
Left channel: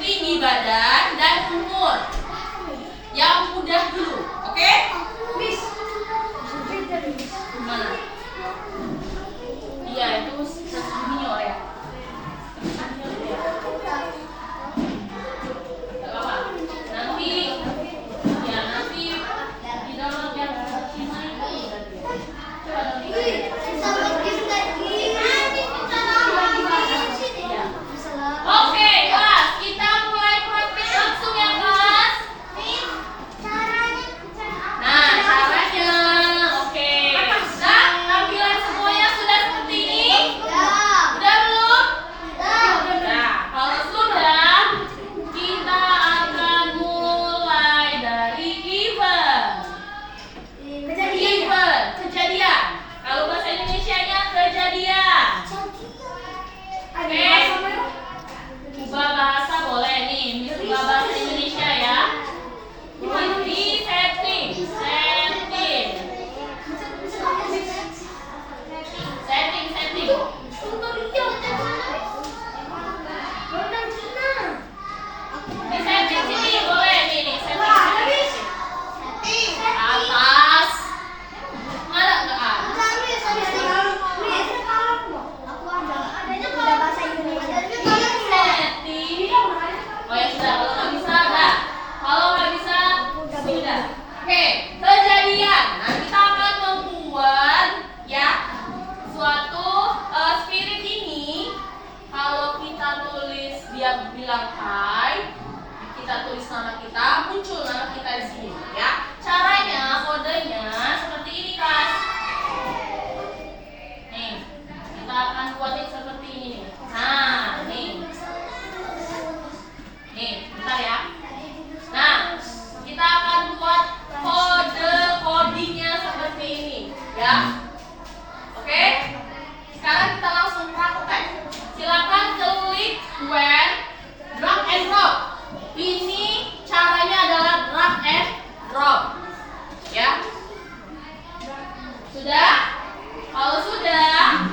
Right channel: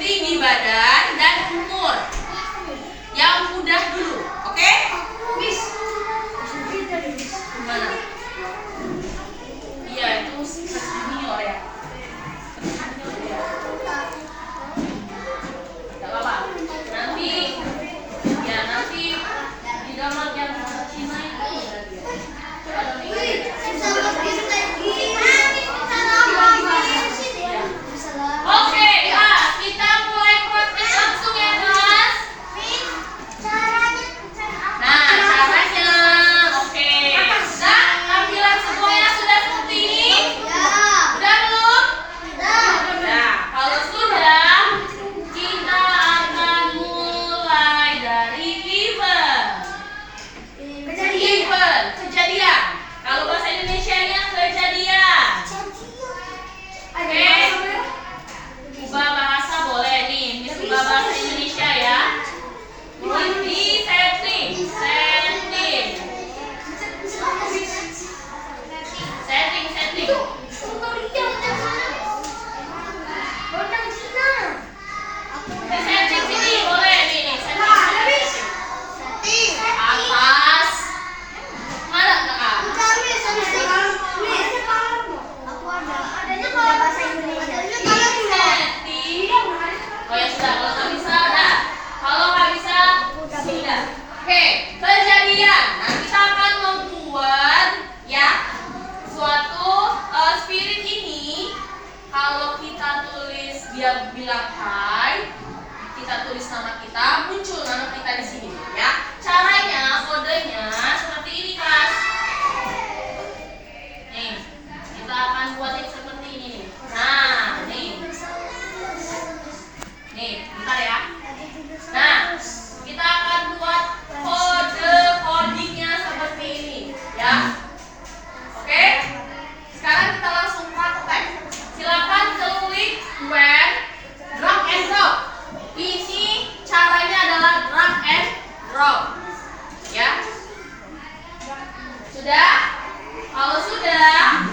tinggi badan, dan umur. Yang mudah dulu, oke? Gimana? Iya, itu Scratch Junior ya. Gak apa-apa. Nanti di download yang Cina itu berarti ya. Coba download. Oke, kelas, kita mulai praktek langsung ya kelas. Nah, caranya, oke. Nah, tampilan semuanya sudah seperti ini. Udah belum? Nah, kalau sudah, kita akan mulai dari event. Kejadian. Kalau bahasa Indonesianya kejadian. Oke. Ubah bahasa boleh nih, Miss ubah bahasa Indonesia ya. Di setting. Di setting sini boleh nih setting. Atas. Ada nggak? Setting. Oh ya dia bilang hai, kita tulis nama kita, muncul nama kita di sini ya. Caranya, kodenya seperti ini kelas. Nih, kita akan buat yang seperti ini. Nah, nih, bentar ya. Nah, kita akan buat codingnya seperti ini ya. Oke? Sekarang kita langsung praktek. Silakan klik when drag and drop. Ini caranya adalah drag and drop. Ya. Sudah? Kalau sudah,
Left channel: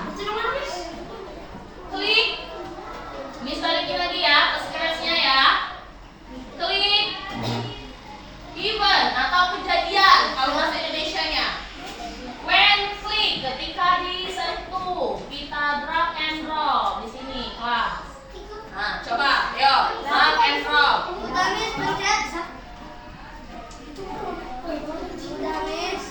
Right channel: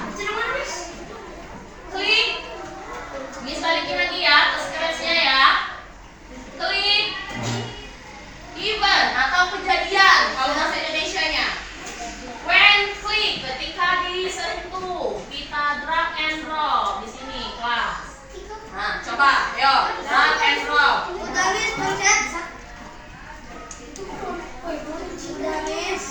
klik. Miss balikin lagi ya, scratch-nya ya. Klik event atau kejadian kalau bahasa Indonesianya. When klik, ketika disentuh, kita drag and drop di sini kelas. Nah, coba, ayo drag and drop. Garis pencet. Garis.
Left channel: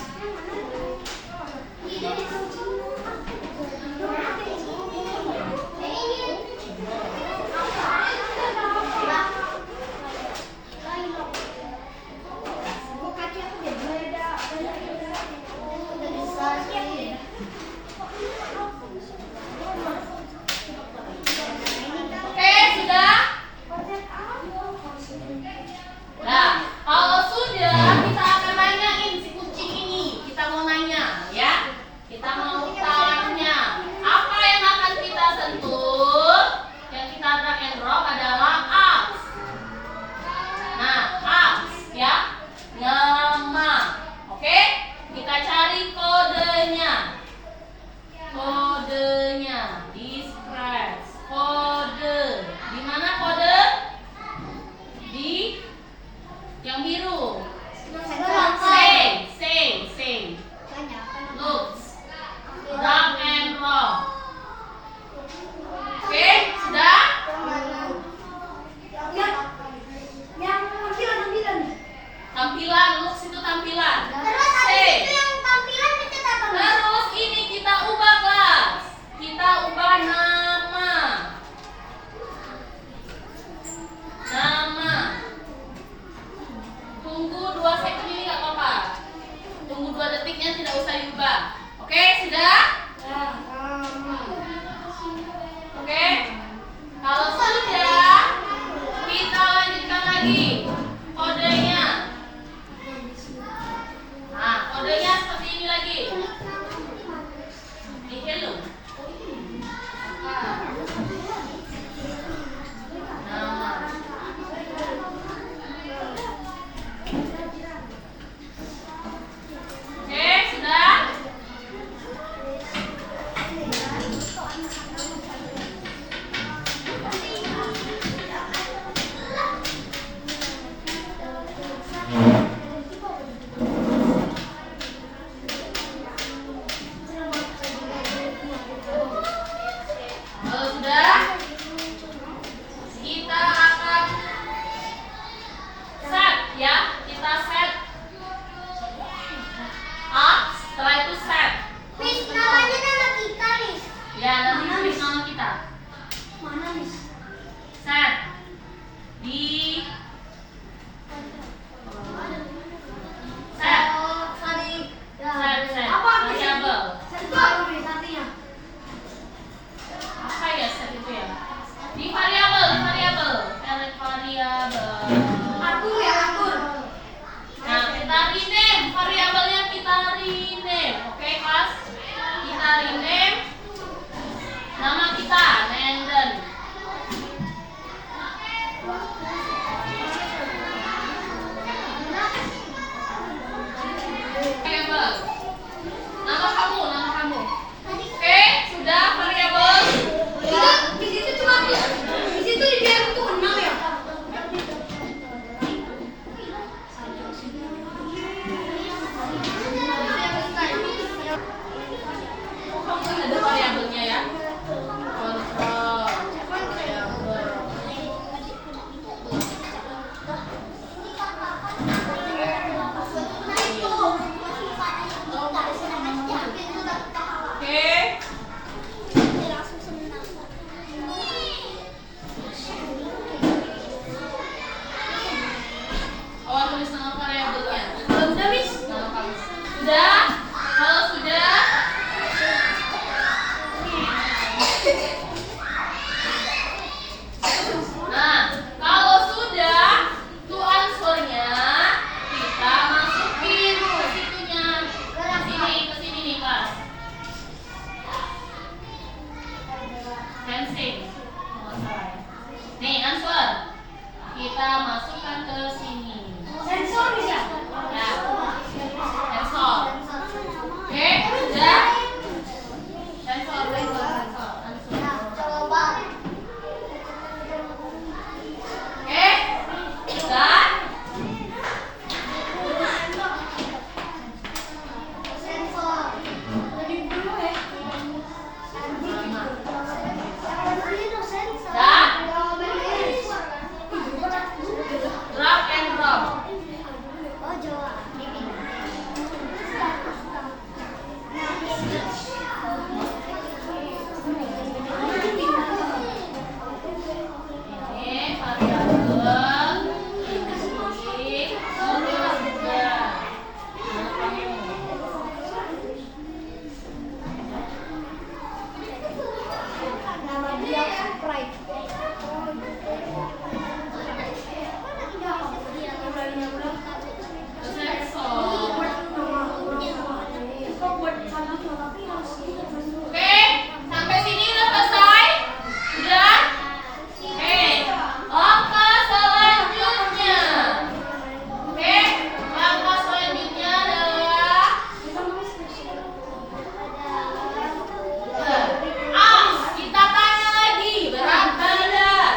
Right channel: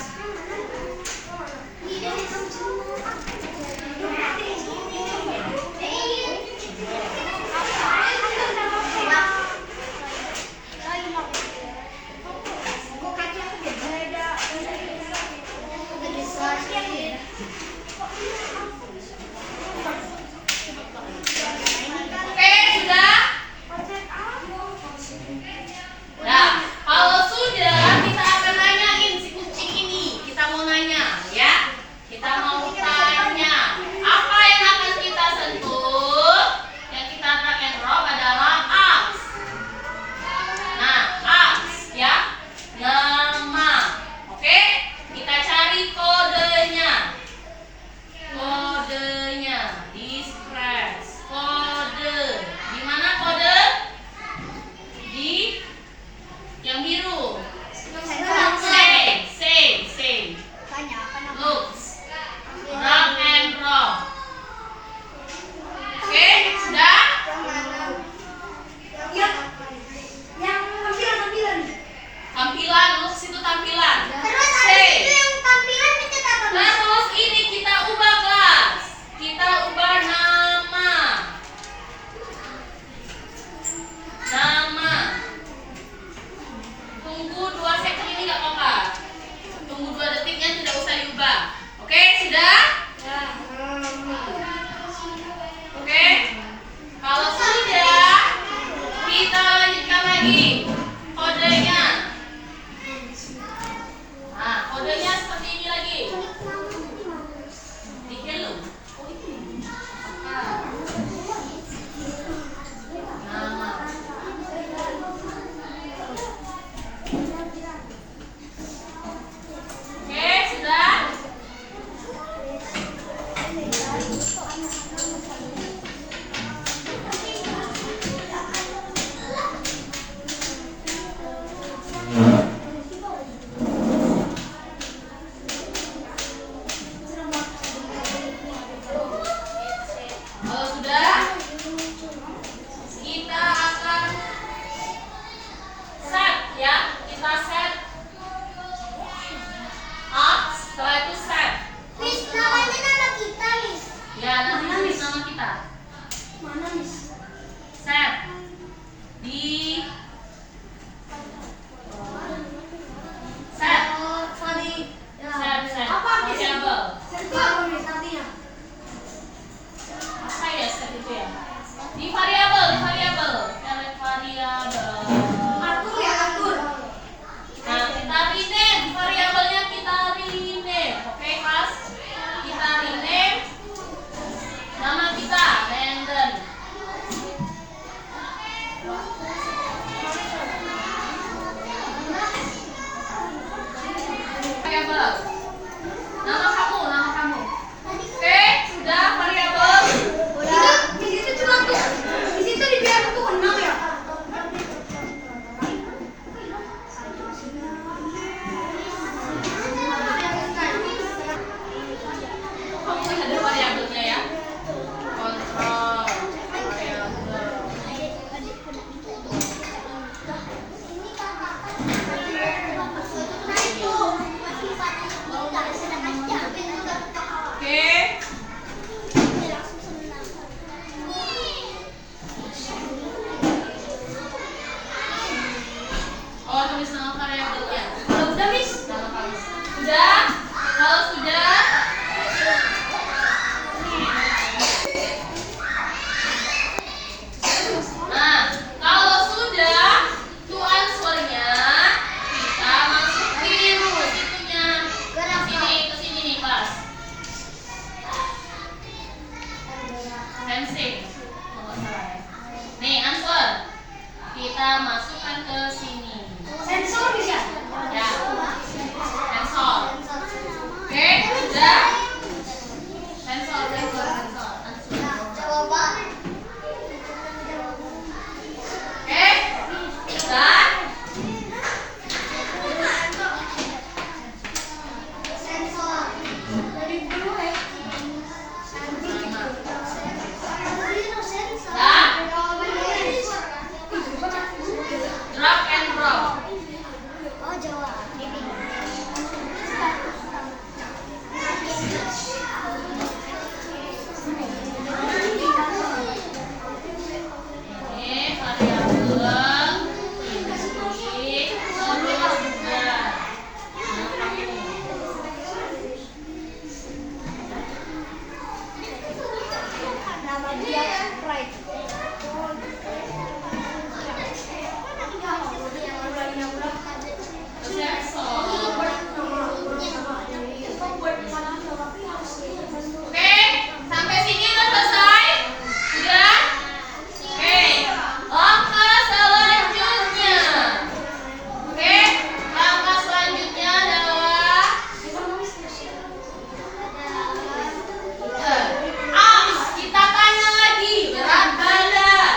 Oke, sudah? Sensing. Nih, answer. Kita masukkan ke sini. Sensor bisa. Ya. Sensor. Oke, sudah. Sensor. Coba. Oke, sudah. Sensor. Dari dulu ya. Drag and drop. Oh, Jawa. Ini variabel. Ini terus juga. Nama dia Sprite. Sensor. Oke, sampai sini udah selesai? Udah? Oke, langkah selanjutnya. Oke, langkah selanjutnya adalah aks. Kita tanya lagi berat badan.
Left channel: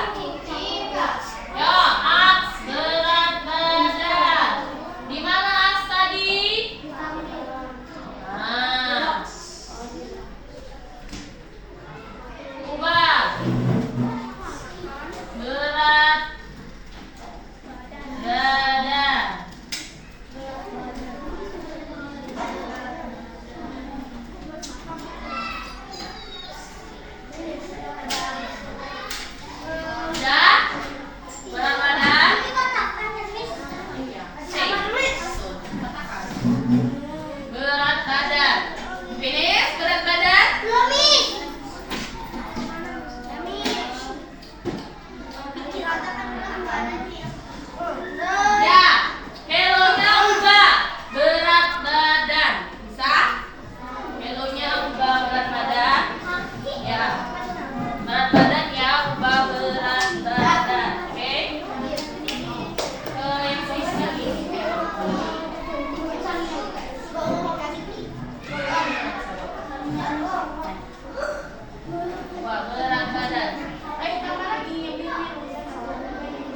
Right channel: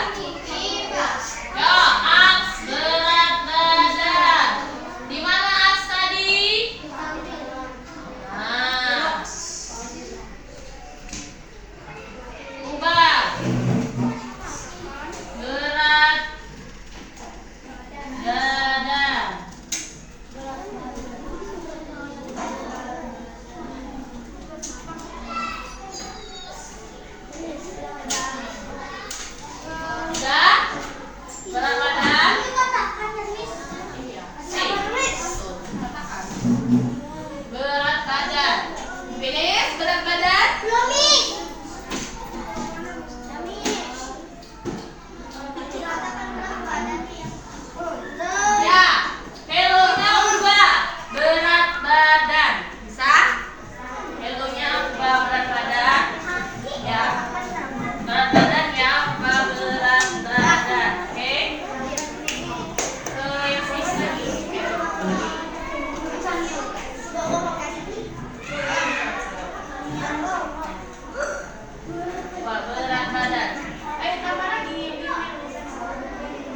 Ya, aks berat badan. Di mana aks tadi? Nah, ubah berat badan. Udah? Berat badan? Berat badan. Finish berat badan? Ya. Hellonya ubah berat badan. Bisa? Hellonya ubah berat badan. Ya. Berat badan ya, ubah berat badan. Oke? Yang sisa lagi. Wah, berat badan. Tambah lagi.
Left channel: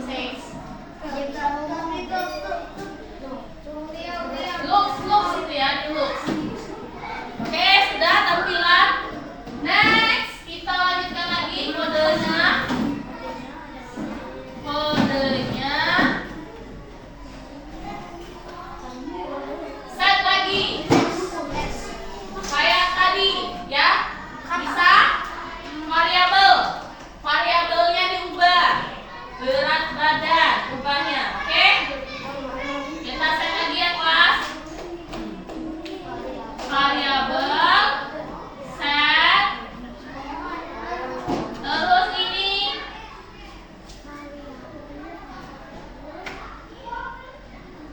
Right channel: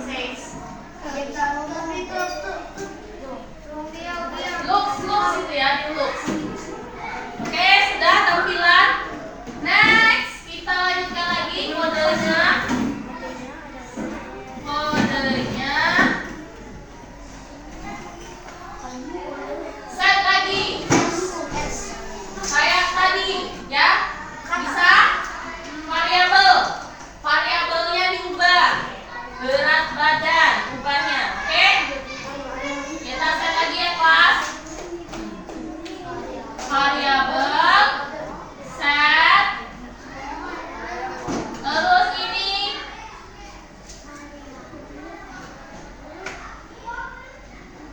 Six. Looks itu ya, di looks. Oke, sudah tampilan. Next, kita lanjutkan lagi kodenya. Kodenya. Set lagi. Kayak tadi, ya. Bisa? Variabel. Variabelnya diubah. Berat badan, ubahnya. Oke? Kita set lagi ya, kelas. Variabel. Set. Terus ini.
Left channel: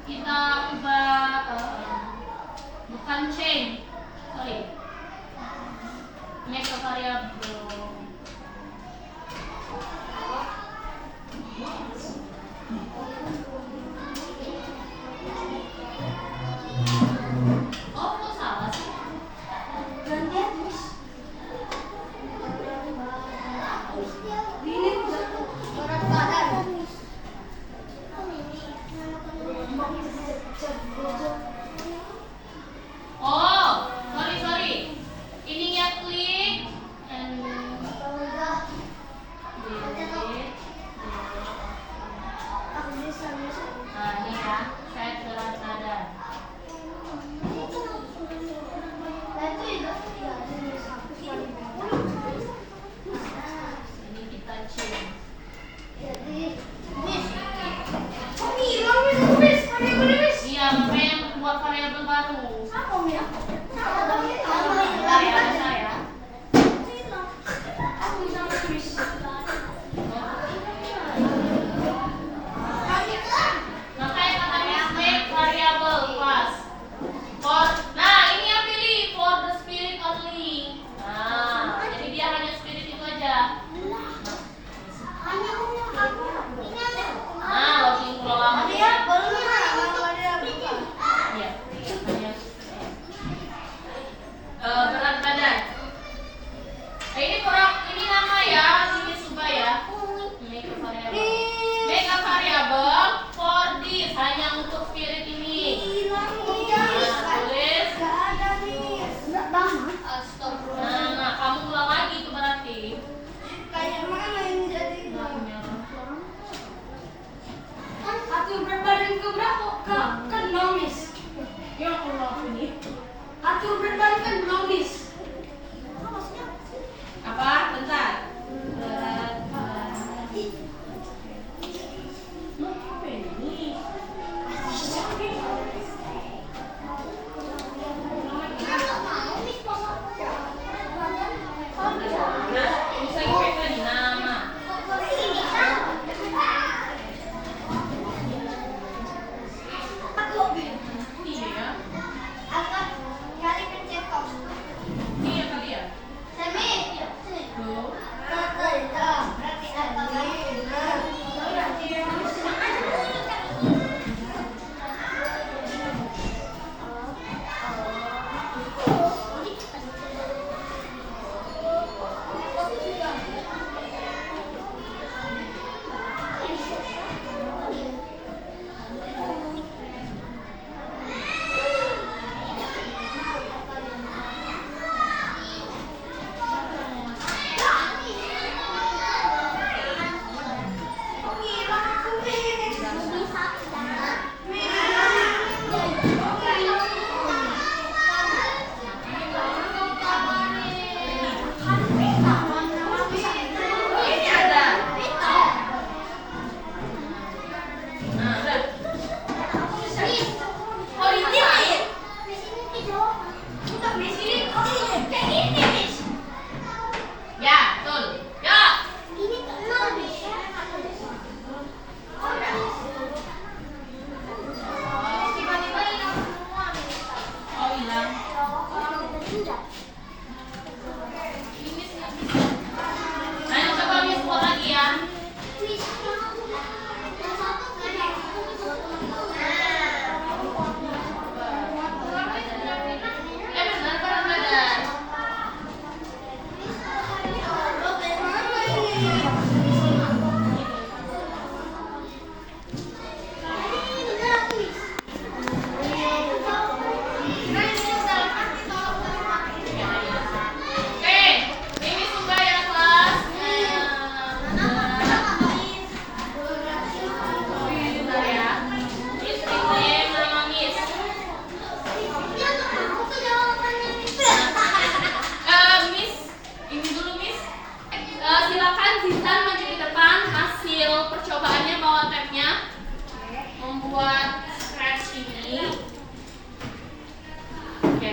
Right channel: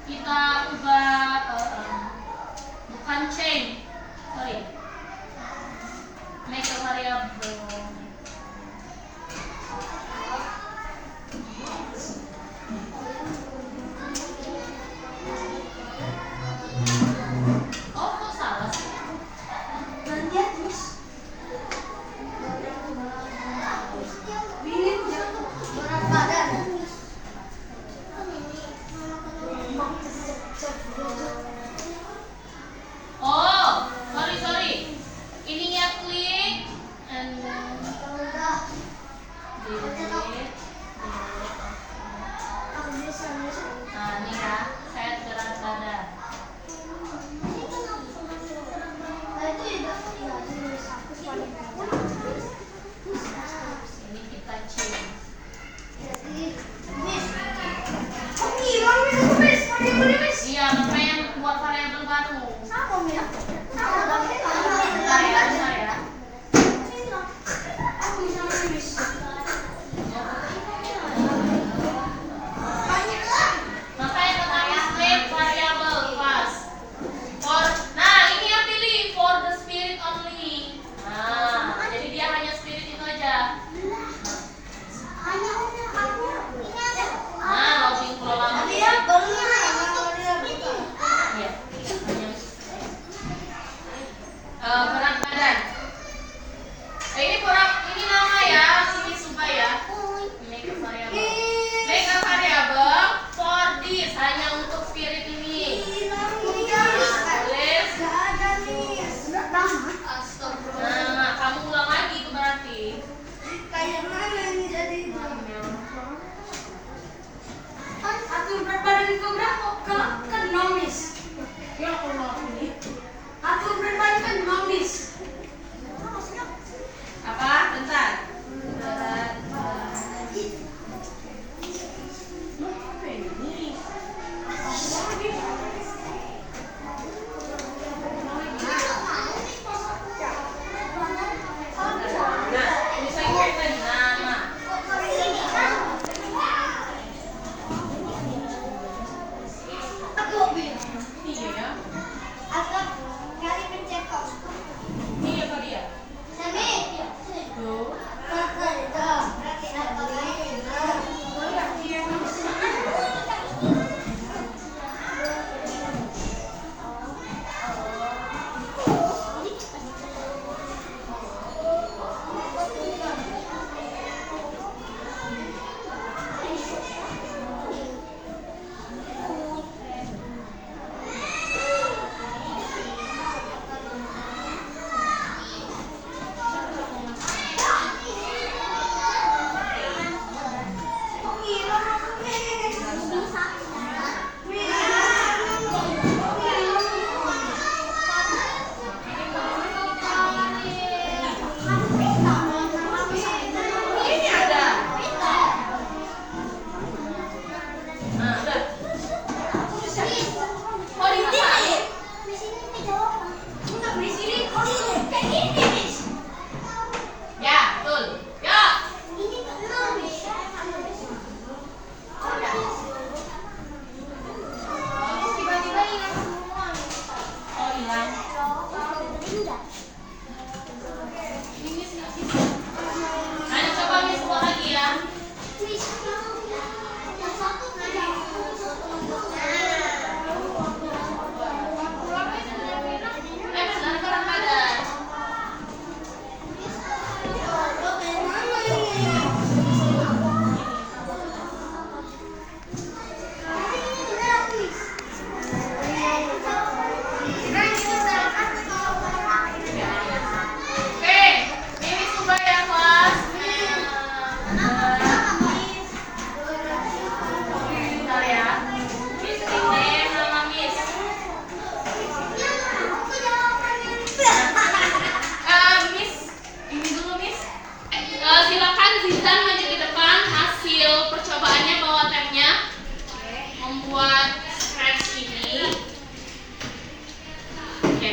Kita ubah bukan change. Sorry. Make a variable. Oh, kok salah sih? Berat badan. Oh, sorry. Ininya klik and then ini nama ya, ini Suba ya. Make variable. Make a variable for this, hanya untuk spirit ini. Tulis. Nah, kamu ulang lagi itu berarti. Kayak mana ini jadi? Atur berat badan kau berapa? Kan nomis. Ya Allah ini. Atur berat badan kan nomis. Apa? Bentar. Berat badan. Apa ini? Ini saya pakai nama. Iya. Ini apa dia? Loh. Ini ada. Nah, udah. Oh, di sini. Ya, betul. Ya. Oh, hilang. Ayo coba Miss buat lagi ya. Benar berat badan. Oke, ini Suba ya kelas. Bentar ya. Miss name nama Miss. Miss, ini dulu Miss. Silakan Zizan maju ke depan. Hasil percobaannya bawa tabnya. Membuat scratch ini. Oke,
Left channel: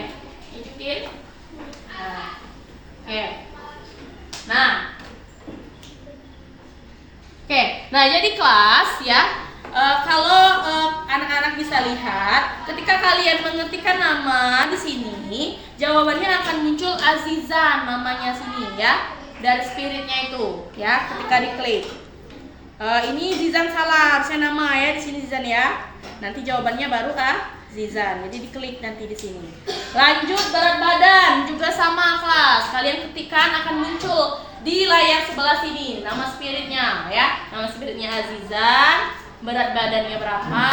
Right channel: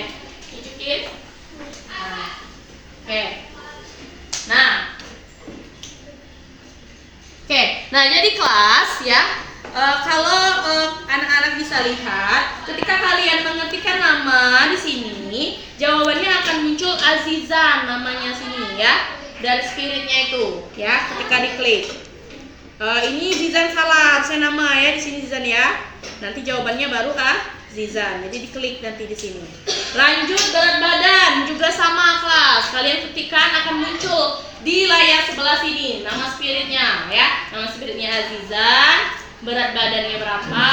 tunjukin. Oke. Nah, jadi kelas ya. Kalau anak-anak bisa lihat, ketika kalian mengetikkan nama di sini, jawabannya akan muncul Azizan namanya sini ya, dari spiritnya itu ya. Ketika diklik, ini Zizan salah, harusnya nama ya di sini Zizan ya. Nanti jawabannya baru Zizan. Jadi diklik nanti di sini. Lanjut berat badan juga sama kelas. Kalian ketikkan akan muncul di layar sebelah sini nama spiritnya ya. Nama spiritnya Azizan. Berat badannya berapa?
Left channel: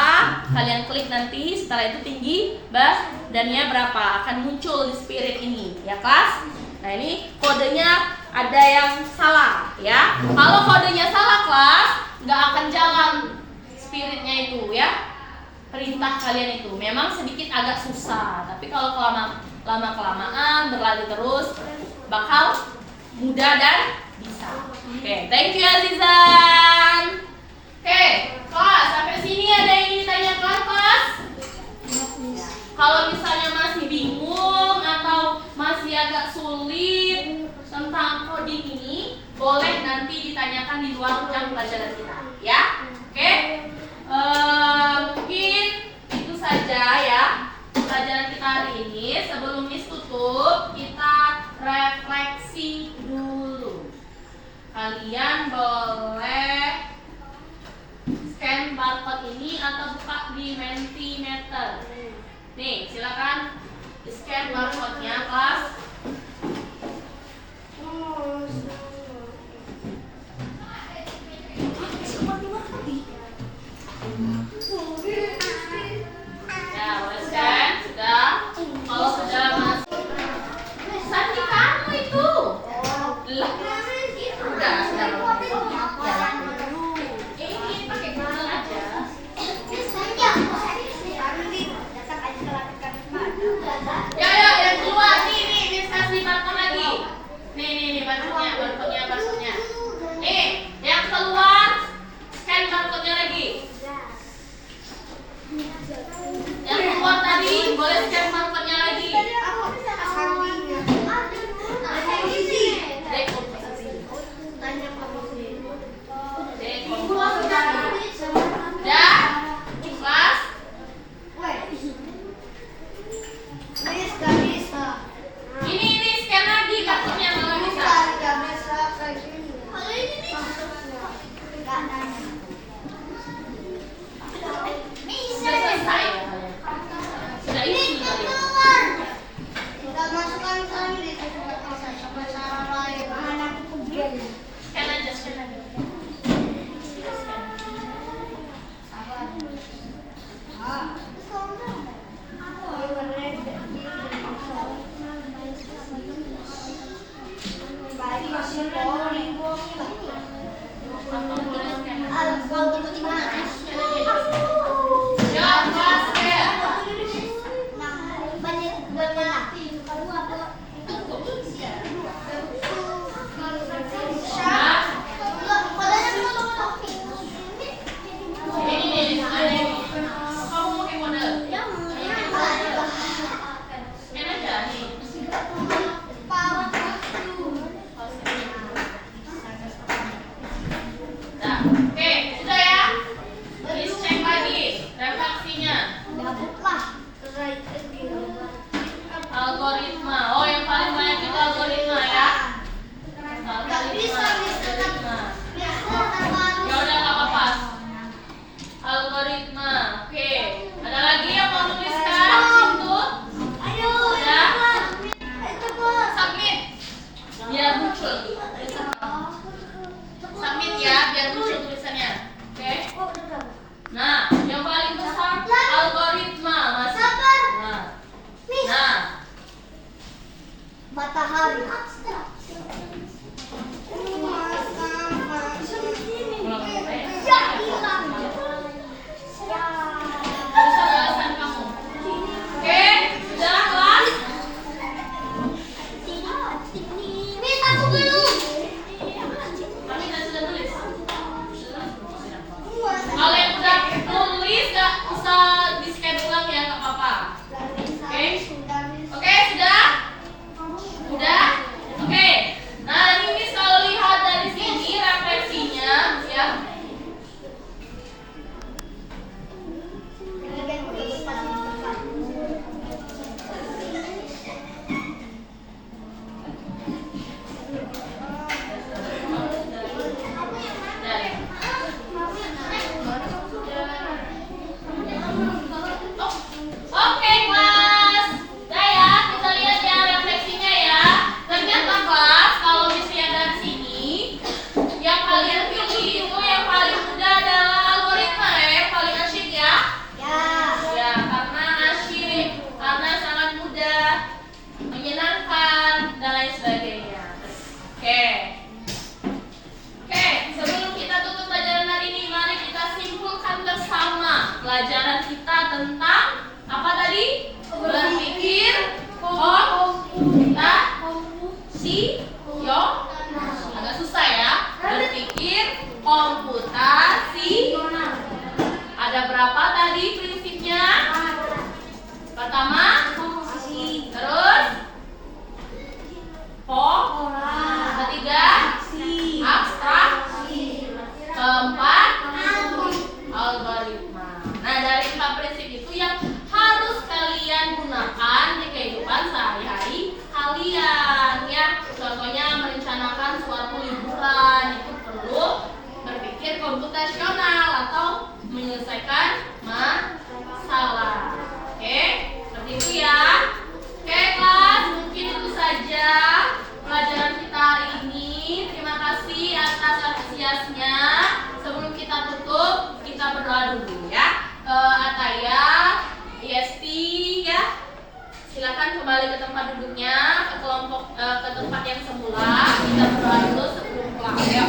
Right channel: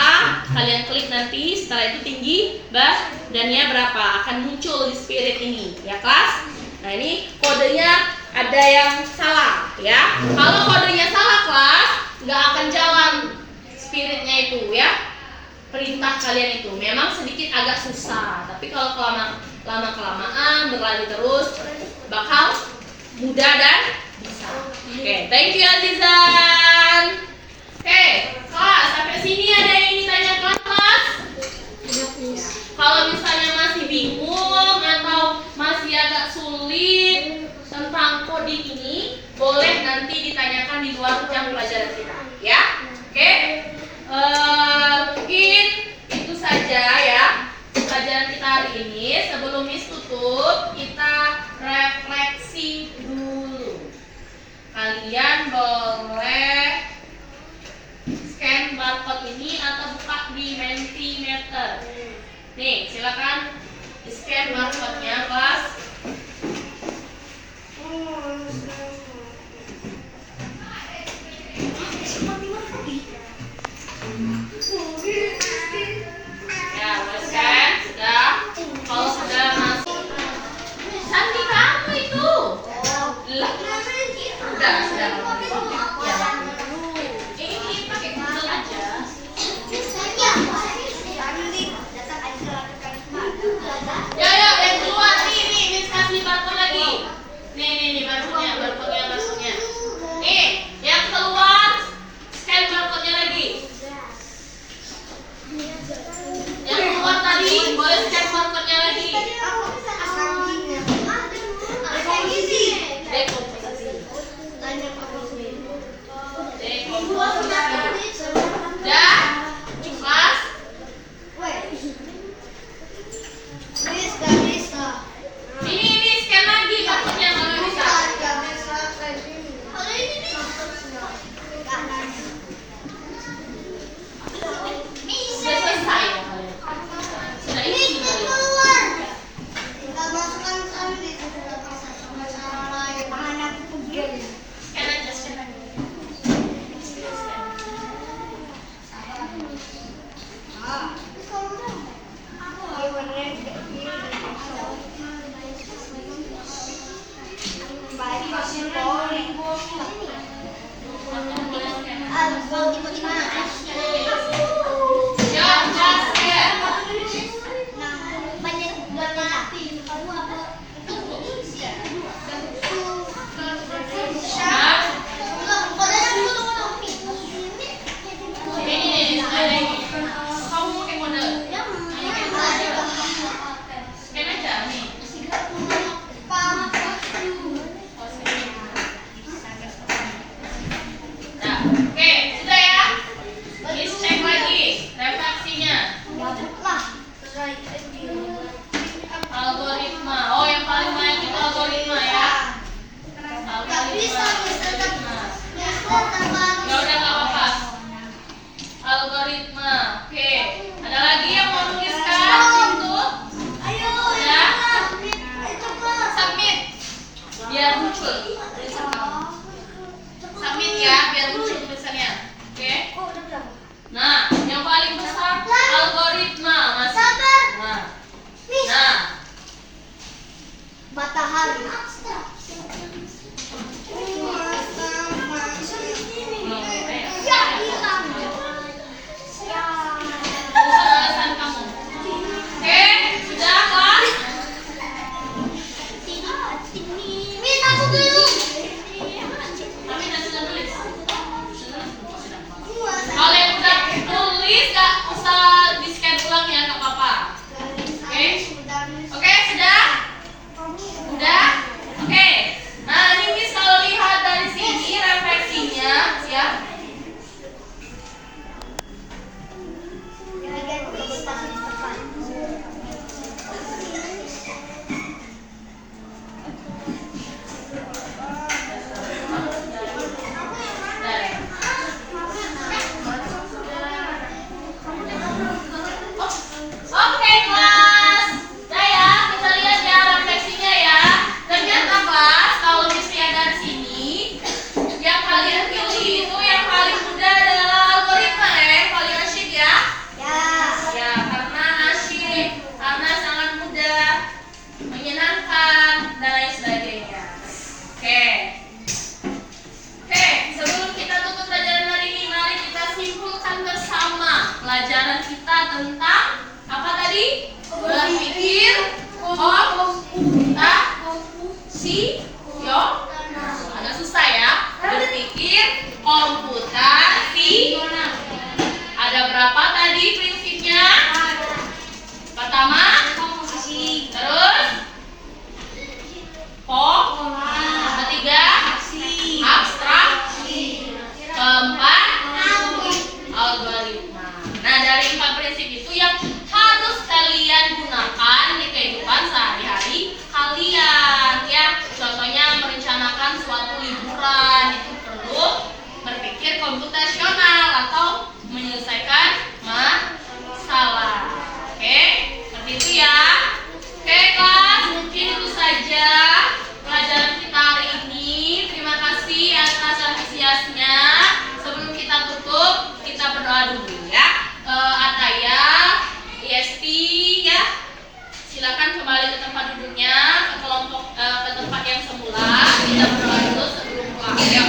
Kalian klik nanti. Setelah itu tinggi badannya berapa? Akan muncul di spirit ini ya kelas. Nah ini kodenya ada yang salah ya. Kalau kodenya salah kelas, nggak akan jalan spiritnya itu ya. Perintah kalian itu memang sedikit agak susah, tapi kalau lama-kelamaan berlalu terus bakal mudah dan bisa. Oke, thank you Azizan. Oke, kelas sampai sini ada yang ingin ditanyakan kelas? Kalau misalnya masih bingung atau masih agak sulit tentang coding ini, boleh nanti ditanyakan di luar jam pelajaran kita, ya? Oke? Mungkin itu saja ya pelajaran kita hari ini. Sebelum Miss tutup, kita refleksi dulu. Kalian boleh scan barcode ini atau buka di Mentimeter. Nih, silakan scan barcode-nya, kelas. sudah. Ya. Ini pakai Google aja. Ya, yang keluar nih kasih barcode lagi. Nih barcode-nya. Nih, yang keluar scan barcode-nya lagi. Yang keluar tadi boleh scan barcode-nya lagi. Udah? Kelas? Ini scan lagi barcode-nya kalau bisa. Sudah selesai. Sudah isi. Scan lagi. Algoritma. Oh, yang paling banyak itu algoritma ya. Algoritma. Ya udah nggak apa-apa. Algoritma. Oke. Ada lagi yang mau nuliskan itu? Ya. Submit. Biar muncul. Submit ya, biar muncul tulisannya. Oke. Nah, yang paling besar algoritma masih. Nah. Matahari. Ya, hilang. Tulisan kamu. Oke, sudah kelas? Miss, aku belum. Kami sudah tulis. Kalau yang udah tulis gak usah di scan ulang ya, nggak apa-apa. Oke, sudah? Udah? Oke. Nah, ini Miss kalau lihat dari sini refleksinya, ya. Oke kelas, nah ya kita lihat ya refleksinya ya. Ternyata kelas kalau misalnya dari sini yang kalian pilih itu yang paling mudah adalah algoritma ya, yang paling asyik ya. Ya karena asyik, karena sangat mudah, menyenangkan dan lain sebagainya. Oke, sebelum kita tutup pelajaran hari ini, mari kita simpulkan bersama pelajaran kita tentang apa tadi? Berpikir agak susah ya. Berpikir komputasi. Ada berapa tadi prinsipnya? Pertama, terus ketiga, abstraksi. Keempat, algoritma. Nah, dari 4 prinsip itu yang harus kalian gunakan di kehidupan sehari-hari kalian ya. Contohnya merencanakan suatu liburan itu perlu berpikir komputasional atau menyelesaikan masalah. Oke, seperti itu ya. Oke kelas, mungkin itu saja pelajaran kita hari ini. Terima kasih atas antusiasnya. Sebelum kita tutup, kita berdoa dulu ya. Ataya, ISP ya, silakan kembali ke tempat duduknya, ke kelompok ke tempat yang semula. Kita berdoa dulu sebelum pulang.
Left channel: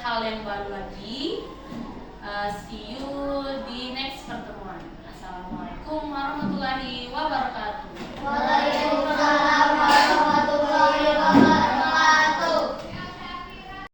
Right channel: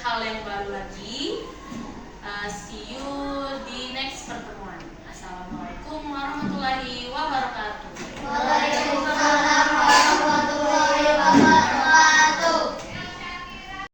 hal yang baru lagi. See you